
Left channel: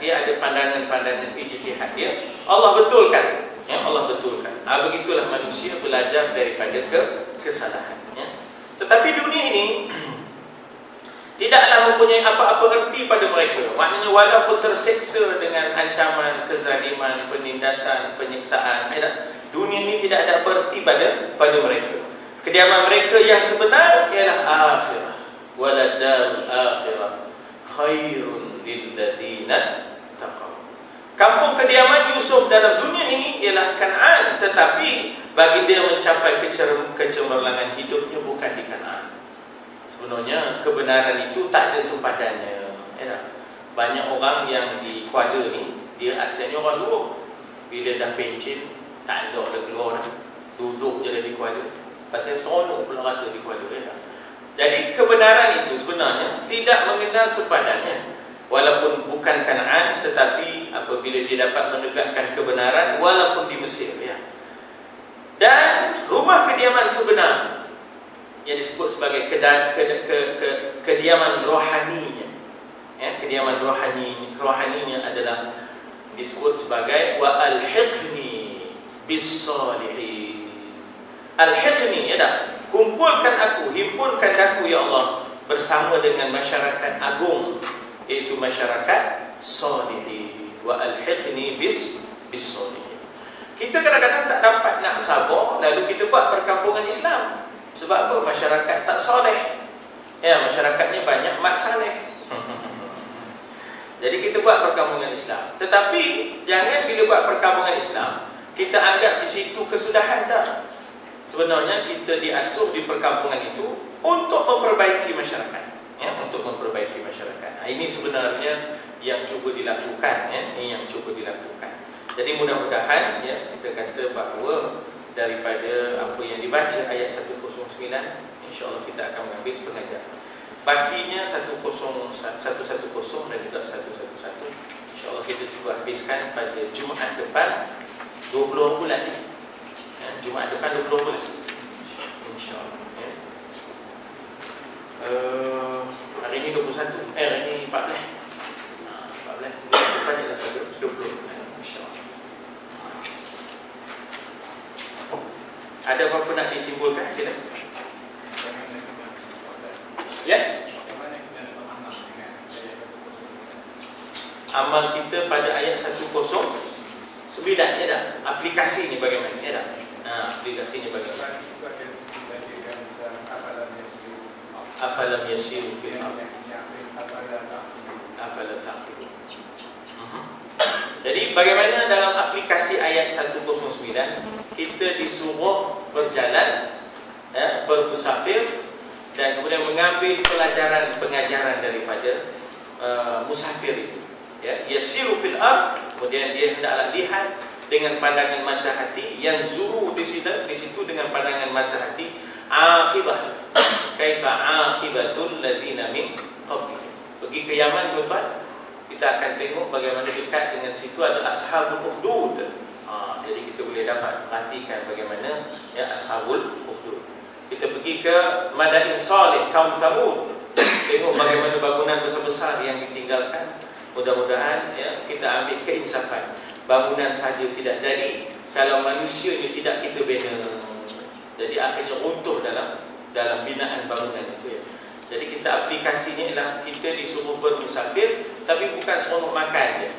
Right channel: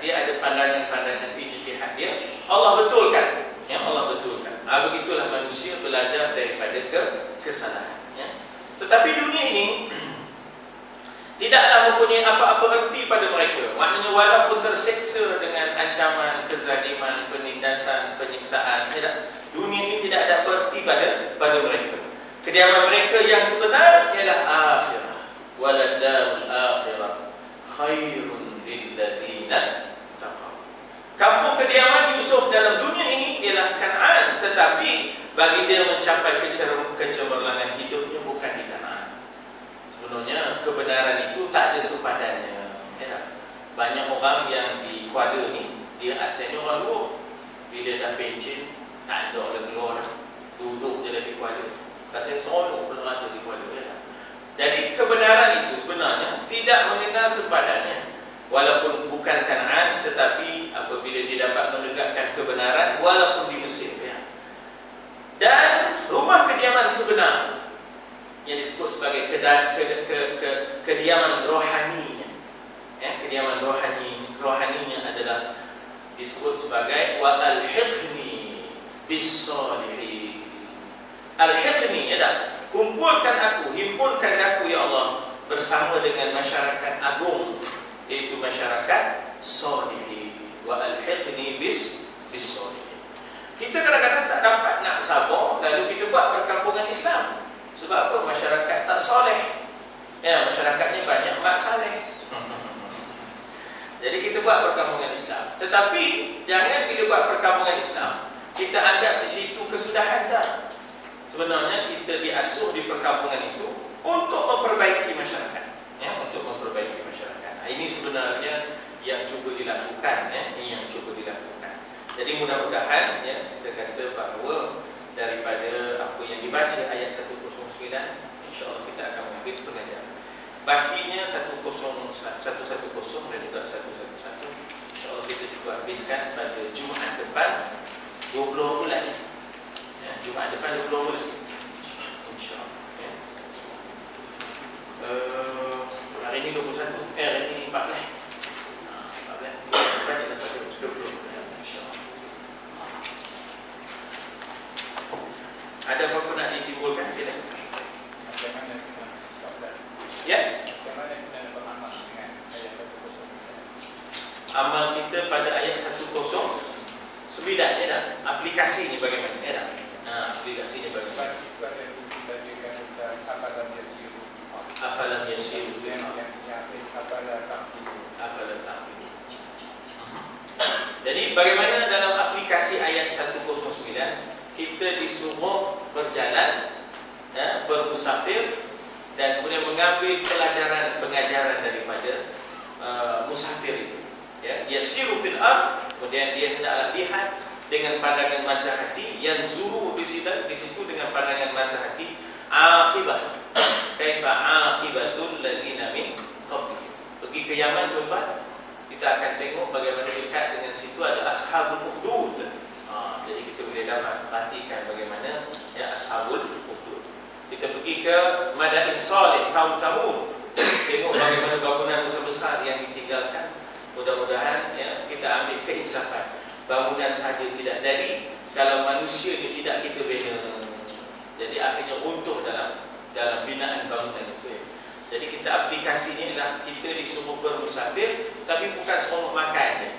Dia ada pandangan-pandangan ijtihad dia. Allah betulkan. Ya, Allah betulkan. Begitulah manusia belajar daripada kesalahan. Ya. Tetapi dunia ini tidaklah mempunyai apa-apa erti pada mereka. Maknanya walaupun terseksa dengan ancaman, kezaliman, penindasan, penyiksaan, dunia ini tidak ada erti pada mereka. Kediaman mereka yang sebenar ialah akhirah. Waladarul akhirah khairun lilladzina taqaw. Kampung kediaman Yusuf dalam dunia ini ialah Kan'an, tetapi bagi dia mencapai kecemerlangan hidupnya bukan di Kan'an. Sebenarnya kebenaran itu tak ada sempadannya. Ya. Banyak orang yang di Kuala ni, dia asalnya orang luar. Bila dah pencin, tak ada orang keluar, duduk je di Kuala. Pasal seronok pula rasa di Kuala. Ya. Jadi kebenaran itu sebenarnya tidak mengenal sempadannya. Walaupun bukan Kan'an, tetapi apabila dia dapat menegakkan kebenaran, walaupun di Mesir. Ya. Dan rumah kediaman sebenar yang disebut sebagai kediaman rohaninya. Ya, kediaman rohaninya adalah disebut sebagai wa alhiqni bis-salihin. Alhiqni, ya tak? Kumpulkan aku, himpunkan aku ya Allah bersama dengan masyarakat agung, iaitu masyarakat salihin. Wa alhiqni bis-salihin. Kita kadang-kadang tak dapat nak sabar, lalu kita buat perkampungan Islam. Sebab apa? Masyarakat tak soleh. Ya, masyarakatnya banyak mak saleh. Jadi kita buat perkampungan Islam. Tetapi jangan bila buat perkampungan Islam kita anggap di situ kesudahan dah. Sebenarnya kita diasuh di perkampungan itu untuk memperbaiki masyarakat. Ya, untuk memperbaiki masyarakat. Ini sebenarnya yang cuba dilakukan. Ya, ini yang cuba dilakukan. Jadi mudah-mudahan ya, kita kata bahawa daripada apa yang dibaca ayat 109, insya-Allah kita akan mengambil pengajaran. Bakinya 110 dan juga 111, insya-Allah kita cuba habiskan pada Jumaat depan 20 bulan. Ya, Jumaat depan 20 bulan. Insya-Allah. Ya. Hari ini 21, hari ini 14. 14 kita ada pada 20. Ada apa-apa nak ditimbulkan? Sila. Ya? Amal kita pada ayat 109, ya tak? Aplikasi ni bagaimana? Ya tak? Aplikasi ni bagaimana? Afalam yasiru fil ardh afalam taqilun. Jadi bagaimana dalam aplikasi ayat 109? Kita disuruh berjalan, ya, bermusafir, dan kemudian mengambil pelajaran pengajaran daripada musafir itu. Ya, yasiru fil ardh, kemudian dia hendaklah lihat dengan pandangan mata hati, yang zuru di situ dengan pandangan mata hati. Aqibah, kaifa aqibatul ladina min qablihim. Pergi ke Yaman tuan-tuan, kita akan tengok bagaimana dekat dengan situ ada ashabul ukhdud. Jadi kita boleh dapat perhatikan bagaimana ya ashabul ukhdud. Kita pergi ke Madain Salih, kaum Samud, tengok bagaimana bangunan besar-besar yang ditinggalkan. Mudah-mudahan ya kita ambil keinsafan. Bangunan saja tidak jadi kalau manusia ini tidak kita bina. Jadi akhirnya runtuh dalam binaan bangunan itu ya. Jadi kita aplikasinya ialah kita disuruh bermusafir, tapi bukan seronok makan je.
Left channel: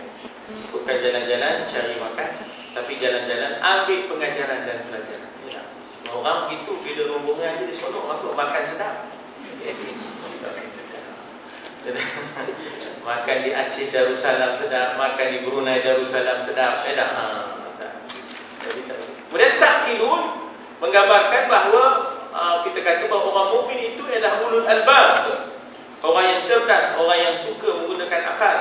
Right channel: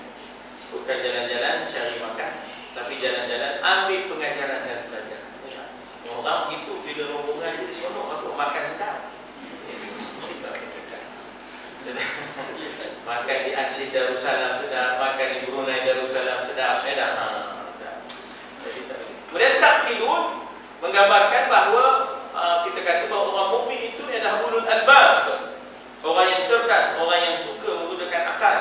Bukan jalan-jalan cari makan, tapi jalan-jalan ambil pengajaran dan pelajaran. Orang itu bila rombongan dia seronok apa? Makan sedap. Makan di Aceh Darussalam sedap, makan di Brunei Darussalam sedap. Kemudian takkilun menggambarkan bahawa kita kata bahawa orang mukmin itu adalah ulul albab, orang yang cerdas, orang yang suka menggunakan akal.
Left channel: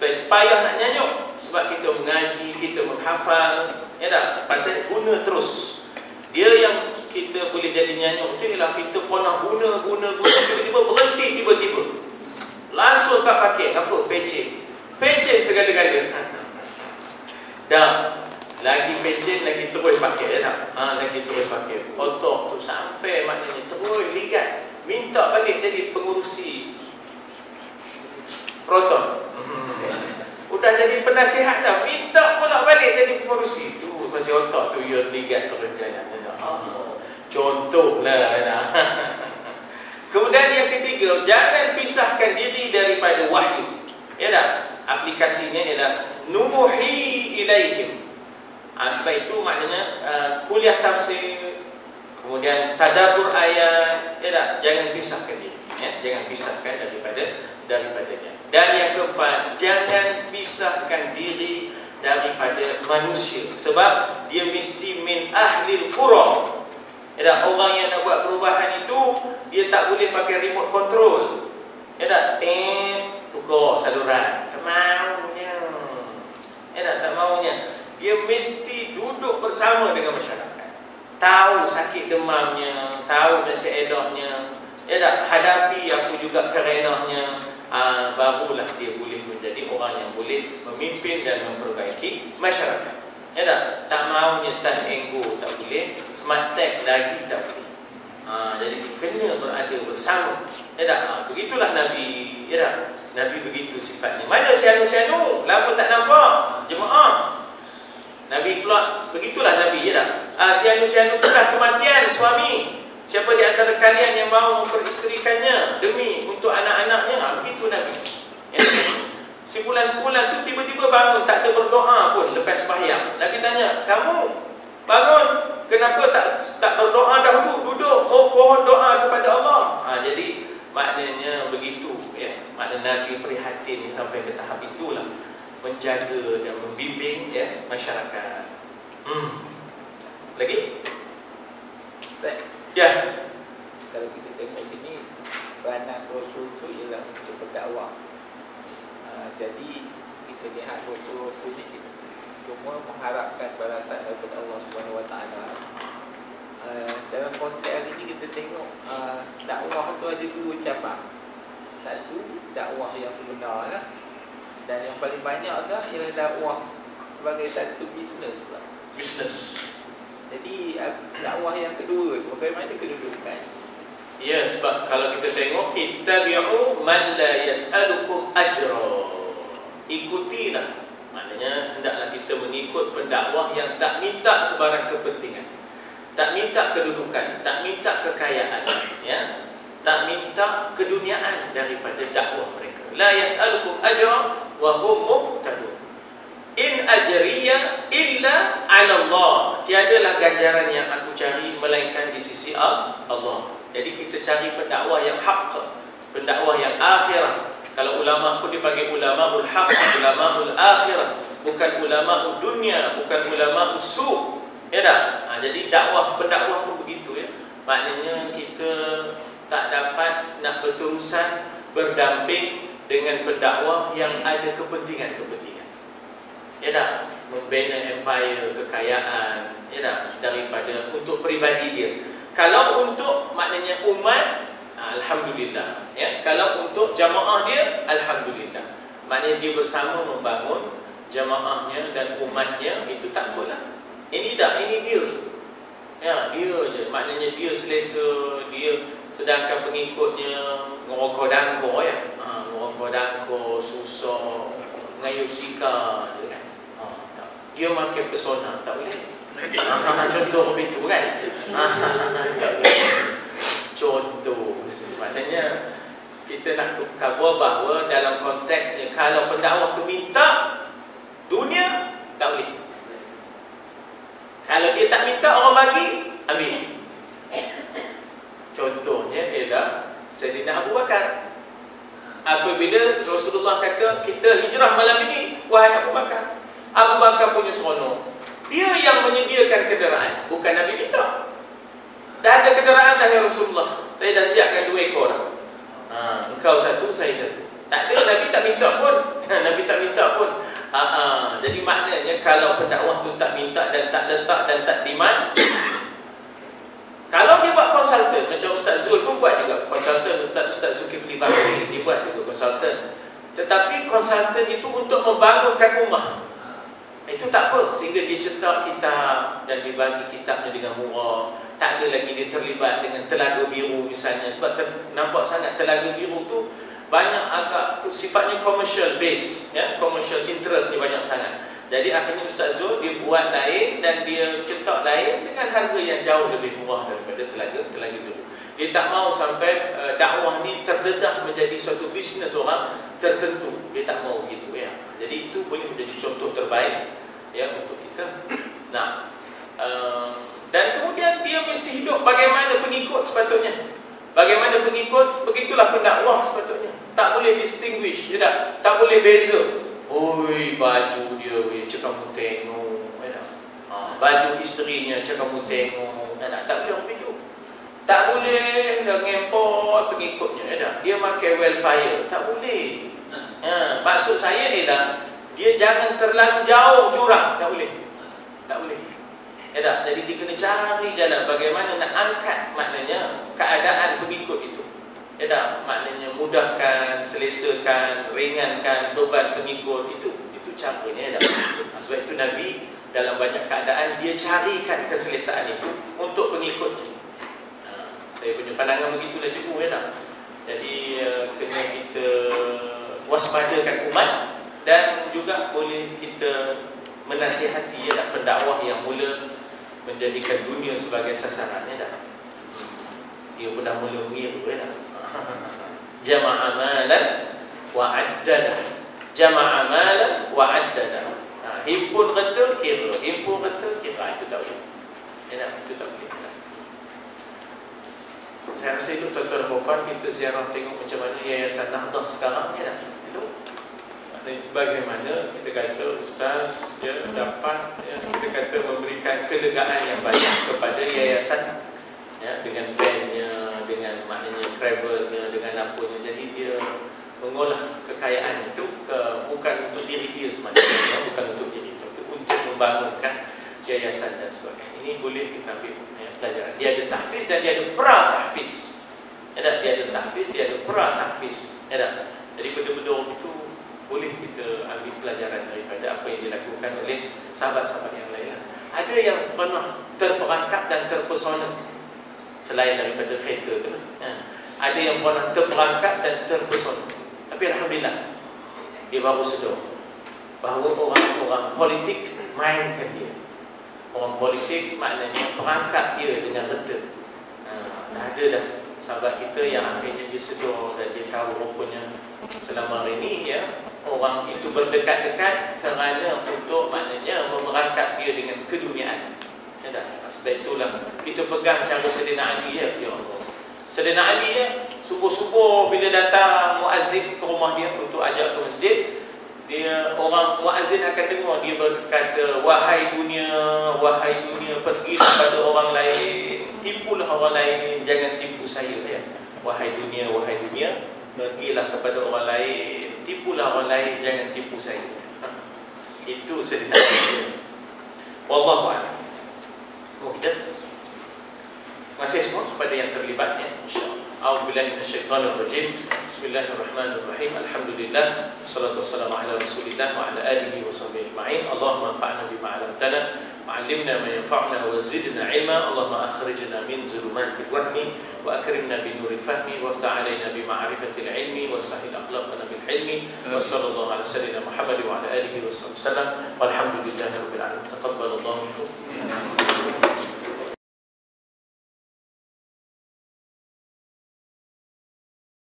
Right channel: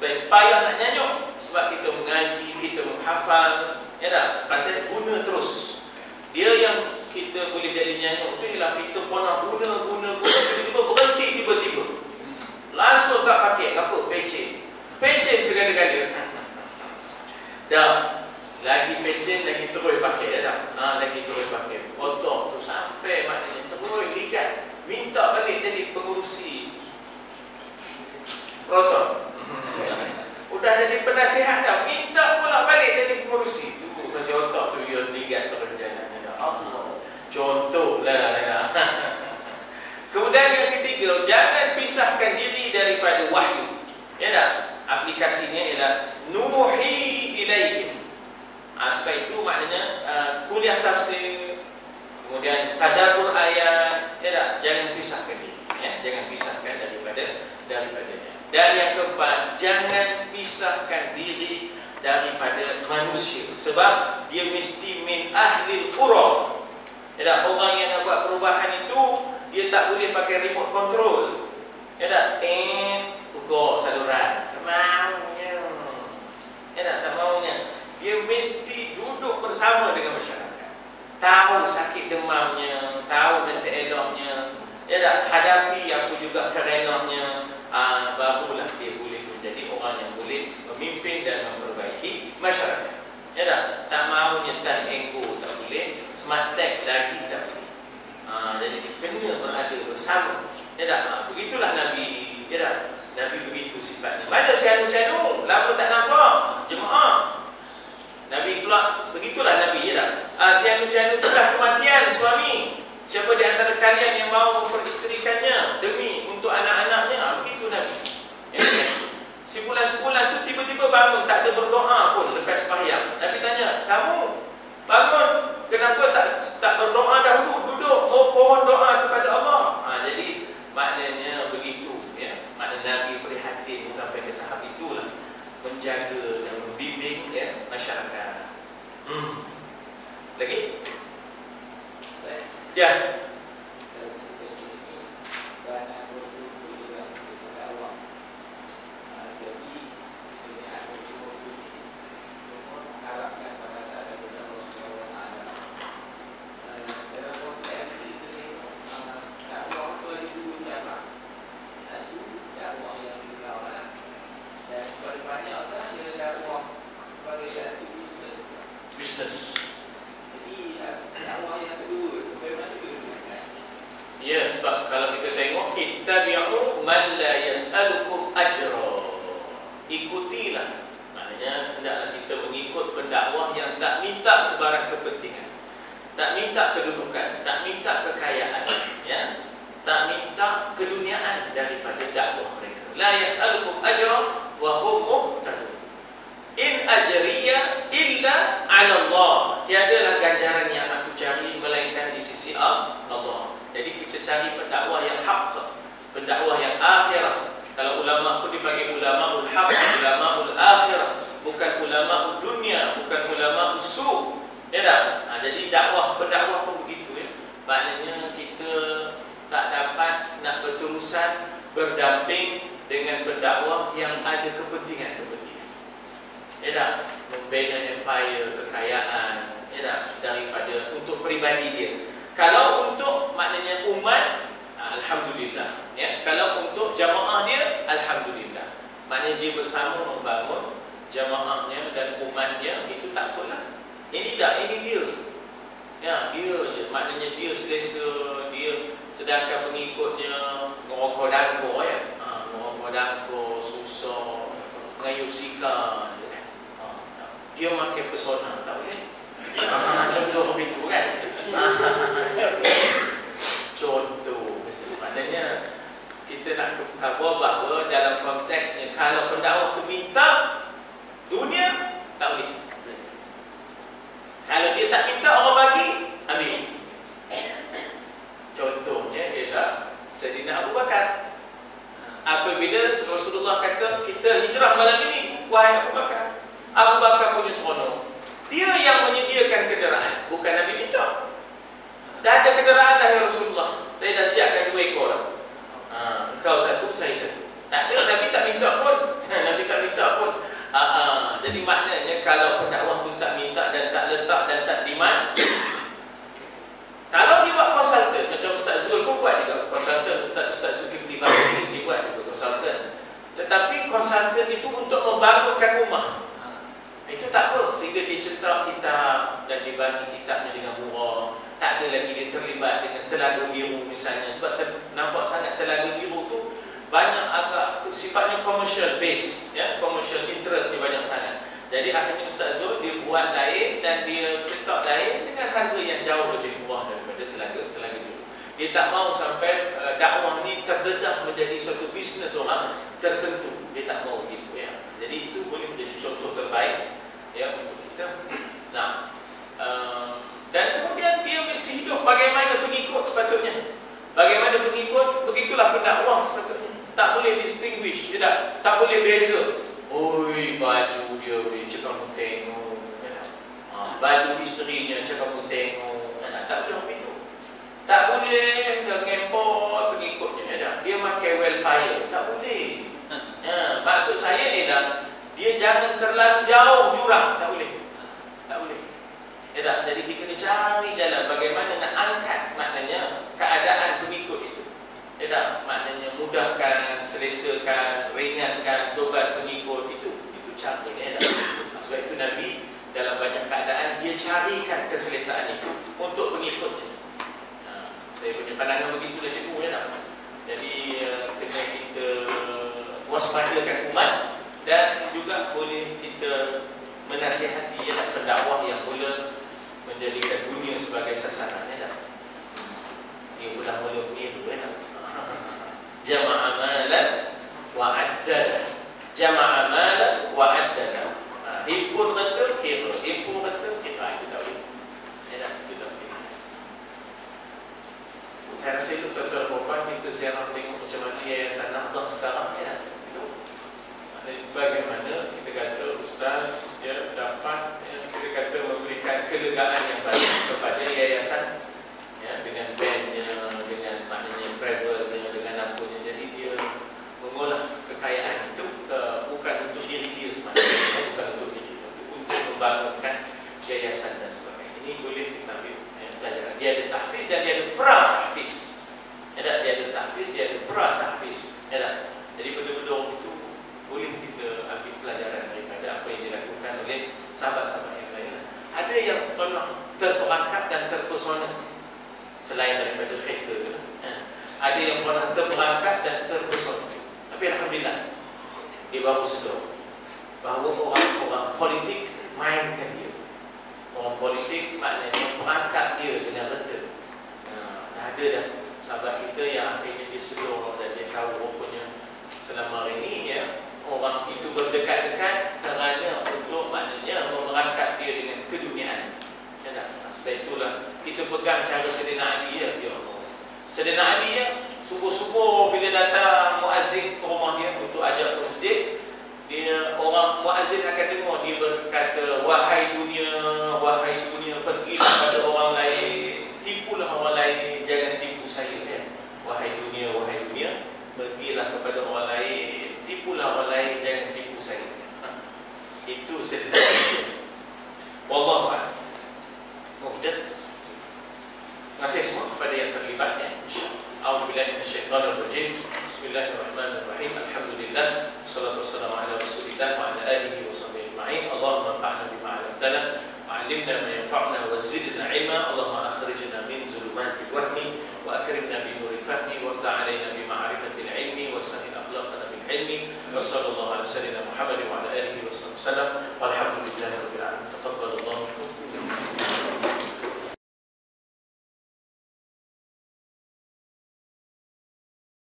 Payah nak nyanyuk sebab kita mengaji, kita menghafal, ya tak? Pasal guna terus. Dia yang kita boleh jadi nyanyuk itu ialah kita pernah guna tiba-tiba berhenti tiba-tiba. Langsung tak pakai apa? Pencen segala-gala. Dah lagi pencen lagi terus pakai ya tak? Lagi terus pakai. Otak tu sampai maknanya terus ligat. Minta balik jadi pengurusi Proton. Udah jadi penasihat dah, minta pula balik jadi pengurusi. Tu pasal otak tu yang ligat terus jalan. Contohlah. Kemudian yang ketiga, jangan pisahkan diri daripada wahyu. Ya tak? Aplikasinya ialah nuhi ilaihim. Sebab itu maknanya kuliah tafsir, kemudian tadabbur ayat, ya tak? Jangan pisahkan diri, ya? Jangan pisahkan daripadanya. Dan yang keempat, jangan pisahkan diri daripada manusia, sebab dia mesti min ahlil qura. Ya tak? Orang yang nak buat perubahan itu dia tak boleh pakai remote control. Ya tak? Tukar saluran. Tak maunya. Ya tak? Tak maunya. Dia mesti duduk bersama dengan masyarakat. Tahu sakit demamnya, tahu masalahnya. Ya tak? Hadapi apa juga kerenahnya. Barulah dia boleh menjadi orang yang boleh memimpin dan memperbaiki masyarakat. Ya tak? Tak maunya touch and go tak boleh, smart tech lagi tak boleh. Jadi kena berada bersama. Ya tak? Begitulah Nabi. Ya tak? Nabi begitu sifatnya. Mana sianu-sianu? Lama tak nampak jemaah. Nabi pula begitulah Nabi. Ya tak? Sianu-sianu itulah kematian suami. Siapa di antara kalian yang mahu memperisterikannya demi untuk anak-anaknya? Begitu Nabi. Ya. Sebulan-sebulan tu tiba-tiba bangun, tak ada berdoa pun lepas sembahyang. Nabi tanya, kamu bangun, kenapa tak berdoa dahulu? Duduk, mohon doa kepada Allah. Jadi maknanya begitu, ya. Makna Nabi prihatin sampai ke tahap itulah, menjaga dan membimbing ya masyarakat. Lagi? Ya. Kalau kita tengok sini, peranan Rasul itu ialah untuk berdakwah. Jadi kita lihat Rasul ini semua mengharapkan balasan daripada Allah Subhanahu Wa Taala. Dalam konteks hari ini kita tengok dakwah itu ada dua cabang. Satu dakwah yang sebenar, dan yang paling banyak adalah ialah dakwah sebagai satu bisnes. Jadi dakwah yang kedua, bagaimana kedudukan? Ya, sebab kalau kita tengok, ittabi'u man la yas'alukum ajra. Ikutilah. Maknanya hendaklah kita mengikut pendakwah yang tak minta sebarang kepentingan, tak minta kedudukan, tak minta kekayaan, ya, tak minta keduniaan daripada dakwah mereka. La yas'alukum ajra wa hum muhtadun. In ajriya illa 'ala Allah. Tiadalah ganjaran yang aku cari melainkan di sisi Allah. Jadi kita cari pendakwah yang hak, pendakwah yang akhirah. Kalau ulama pun dipanggil ulamaul haq, ulamaul akhirah, bukan ulamaul dunia, bukan ulamaul su'. Ya tak? Jadi pendakwah pun begitu ya. Maknanya kita tak dapat nak berterusan berdamping dengan pendakwah yang ada kepentingan-kepentingan. Ya tak? membina empire, kekayaan, ya tak? Daripada untuk peribadi dia. Kalau untuk maknanya umat, alhamdulillah, ya. Kalau untuk jamaah dia, alhamdulillah. Maknanya dia bersama membangun jamaahnya dan umatnya, itu tak apalah. Ini tak, ini dia. Ya, dia je. Maknanya dia selesa, dia, sedangkan pengikutnya ngerokok dangko, ya. Ngerokok dangko, susah, ngayup sika, dia makan pesona, tak boleh. Contoh begitu kan. Contoh. Maknanya kita nak cover bahawa dalam konteksnya, kalau pendakwah tu minta dunia, tak boleh. Kalau dia tak minta, orang bagi, ambil. Contohnya ialah Sayyidina Abu Bakar. Apabila Rasulullah kata, kita hijrah malam ini, wahai Abu Bakar, Abu Bakar punya seronok. Dia yang menyediakan kenderaan, bukan Nabi minta. Dah ada kenderaan dah ya Rasulullah, saya dah siapkan 2 ekor. Engkau satu, saya satu. Tak ada, Nabi tak minta pun. Nabi tak minta pun. Jadi maknanya kalau pendakwah tu tak minta dan tak letak dan tak demand, kalau dia buat konsultan, macam Ustaz Zul pun buat juga konsultan, Ustaz Zulkifli Bakri, dia buat juga konsultan. Tetapi konsultan itu untuk membangunkan rumah, itu tak apa, sehingga dia cetak kitab dan dibagi kitabnya dengan murah. Tak ada lagi dia terlibat dengan Telaga Biru misalnya, sebab nampak sangat Telaga Biru tu banyak agak sifatnya commercial base, ya, commercial interest ni banyak sangat. Jadi akhirnya Ustaz Zul dia buat lain dan dia cetak lain dengan harga yang jauh lebih murah daripada Telaga Biru. Dia tak mau sampai dakwah ni terdedah menjadi suatu bisnes orang tertentu. Dia tak mau gitu, ya. Jadi itu boleh menjadi contoh terbaik, ya, untuk kita. Nah, dan kemudian dia mesti hidup bagaimana pengikut sepatutnya. Bagaimana pengikut, begitulah pendakwah sepatutnya. Tak boleh distinguish, ya tak boleh beza. Oi, baju dia, cakap kamu tengok, ya. Baju isterinya, cakap kamu tengok, ya. Tak boleh begitu. Tak boleh dah ngempot pengikutnya, ya. Dia pakai wildfire, tak boleh. Maksud saya ialah dia jangan terlalu jauh jurang, tak boleh. Tak boleh. Ya tak? Jadi dia kena cari jalan bagaimana nak angkat maknanya keadaan pengikut itu. Ya tak? Maknanya mudahkan, selesakan, ringankan beban pengikut itu caranya, ya tak? Sebab itu Nabi dalam banyak keadaan dia carikan keselesaan itu untuk pengikutnya. Saya punya pandangan begitulah cikgu, ya tak? Jadi kena kita waspadakan umat dan juga boleh kita menasihati, ya tak, pendakwah yang mula menjadikan dunia sebagai sasarannya dah. Dia pun dah mula begitu, ya tak? Jama'a malan wa addada. Jama'a malan wa addada. Himpun betul kira, himpun betul kira, itu tak boleh. Ya tak? Itu tak boleh. Saya rasa itu tuan-tuan dan puan, kita ziarah tengok macam mana Yayasan Nahdah sekarang, ya tak? Itu bagaimana kita kata ustaz dia dapat, ya, kita kata memberikan kelegaan yang banyak kepada yayasan, ya, dengan bandnya, dengan maknanya travelnya, dengan apanya. Jadi dia mengolah kekayaan itu bukan untuk diri dia semata, bukan untuk diri dia, untuk membangunkan yayasan dan sebagainya. Ini boleh kita ambil, ya, pelajaran. Dia ada tahfiz dan dia ada pra-tahfiz. Ya, dia ada tahfiz, dia ada pra-tahfiz. Ya, jadi benda-benda itu boleh kita ambil pelajaran daripada apa yang dilakukan oleh sahabat-sahabat yang lain. Ada yang pernah terperangkap dan terpesona selain daripada kereta itu. Ada yang pernah terperangkap dan terpesona. Tapi alhamdulillah dia baru sedar bahawa orang-orang politik mainkan dia. Orang politik maknanya perangkap dia dengan betul. Ada dah sahabat kita yang akhirnya dia sedar dan dia tahu rupanya selama hari ini, ya, orang itu berdekat-dekat kerana untuk maknanya memerangkap dia dengan keduniaan. Ya tak? Sebab itulah kita pegang cara Sayyidina Ali, ya. Sayyidina Ali, ya, subuh-subuh bila datang muazzin ke rumah dia untuk ajak ke masjid, dia orang muazzin akan dengar dia berkata, wahai dunia, pergilah pada orang lain, tipulah orang lain, jangan tipu saya, ya. Wahai dunia, pergilah kepada orang lain, tipulah orang lain, jangan tipu saya. Itu saja. Wallahu a'lam. Oh, kita masih semua kepada yang terlibat ya. A'udzubillahi minasyaitonir rajim. Bismillahirrahmanirrahim. Alhamdulillah. Wassalatu wassalamu ala Rasulillah wa ala alihi wa sahbihi ajma'in. Allahumma anfa'na bima 'allamtana wa 'allimna ma yanfa'una wa zidna 'ilma. Allahumma akhrijna min zulumatil wahmi wa akrimna bi nuril fahmi wa aftah 'alaina bi ma'rifatil 'ilmi wa sahhil akhlaqana bil 'ilmi. Wa sallallahu ala sayyidina Muhammad wa ala alihi wa sallam.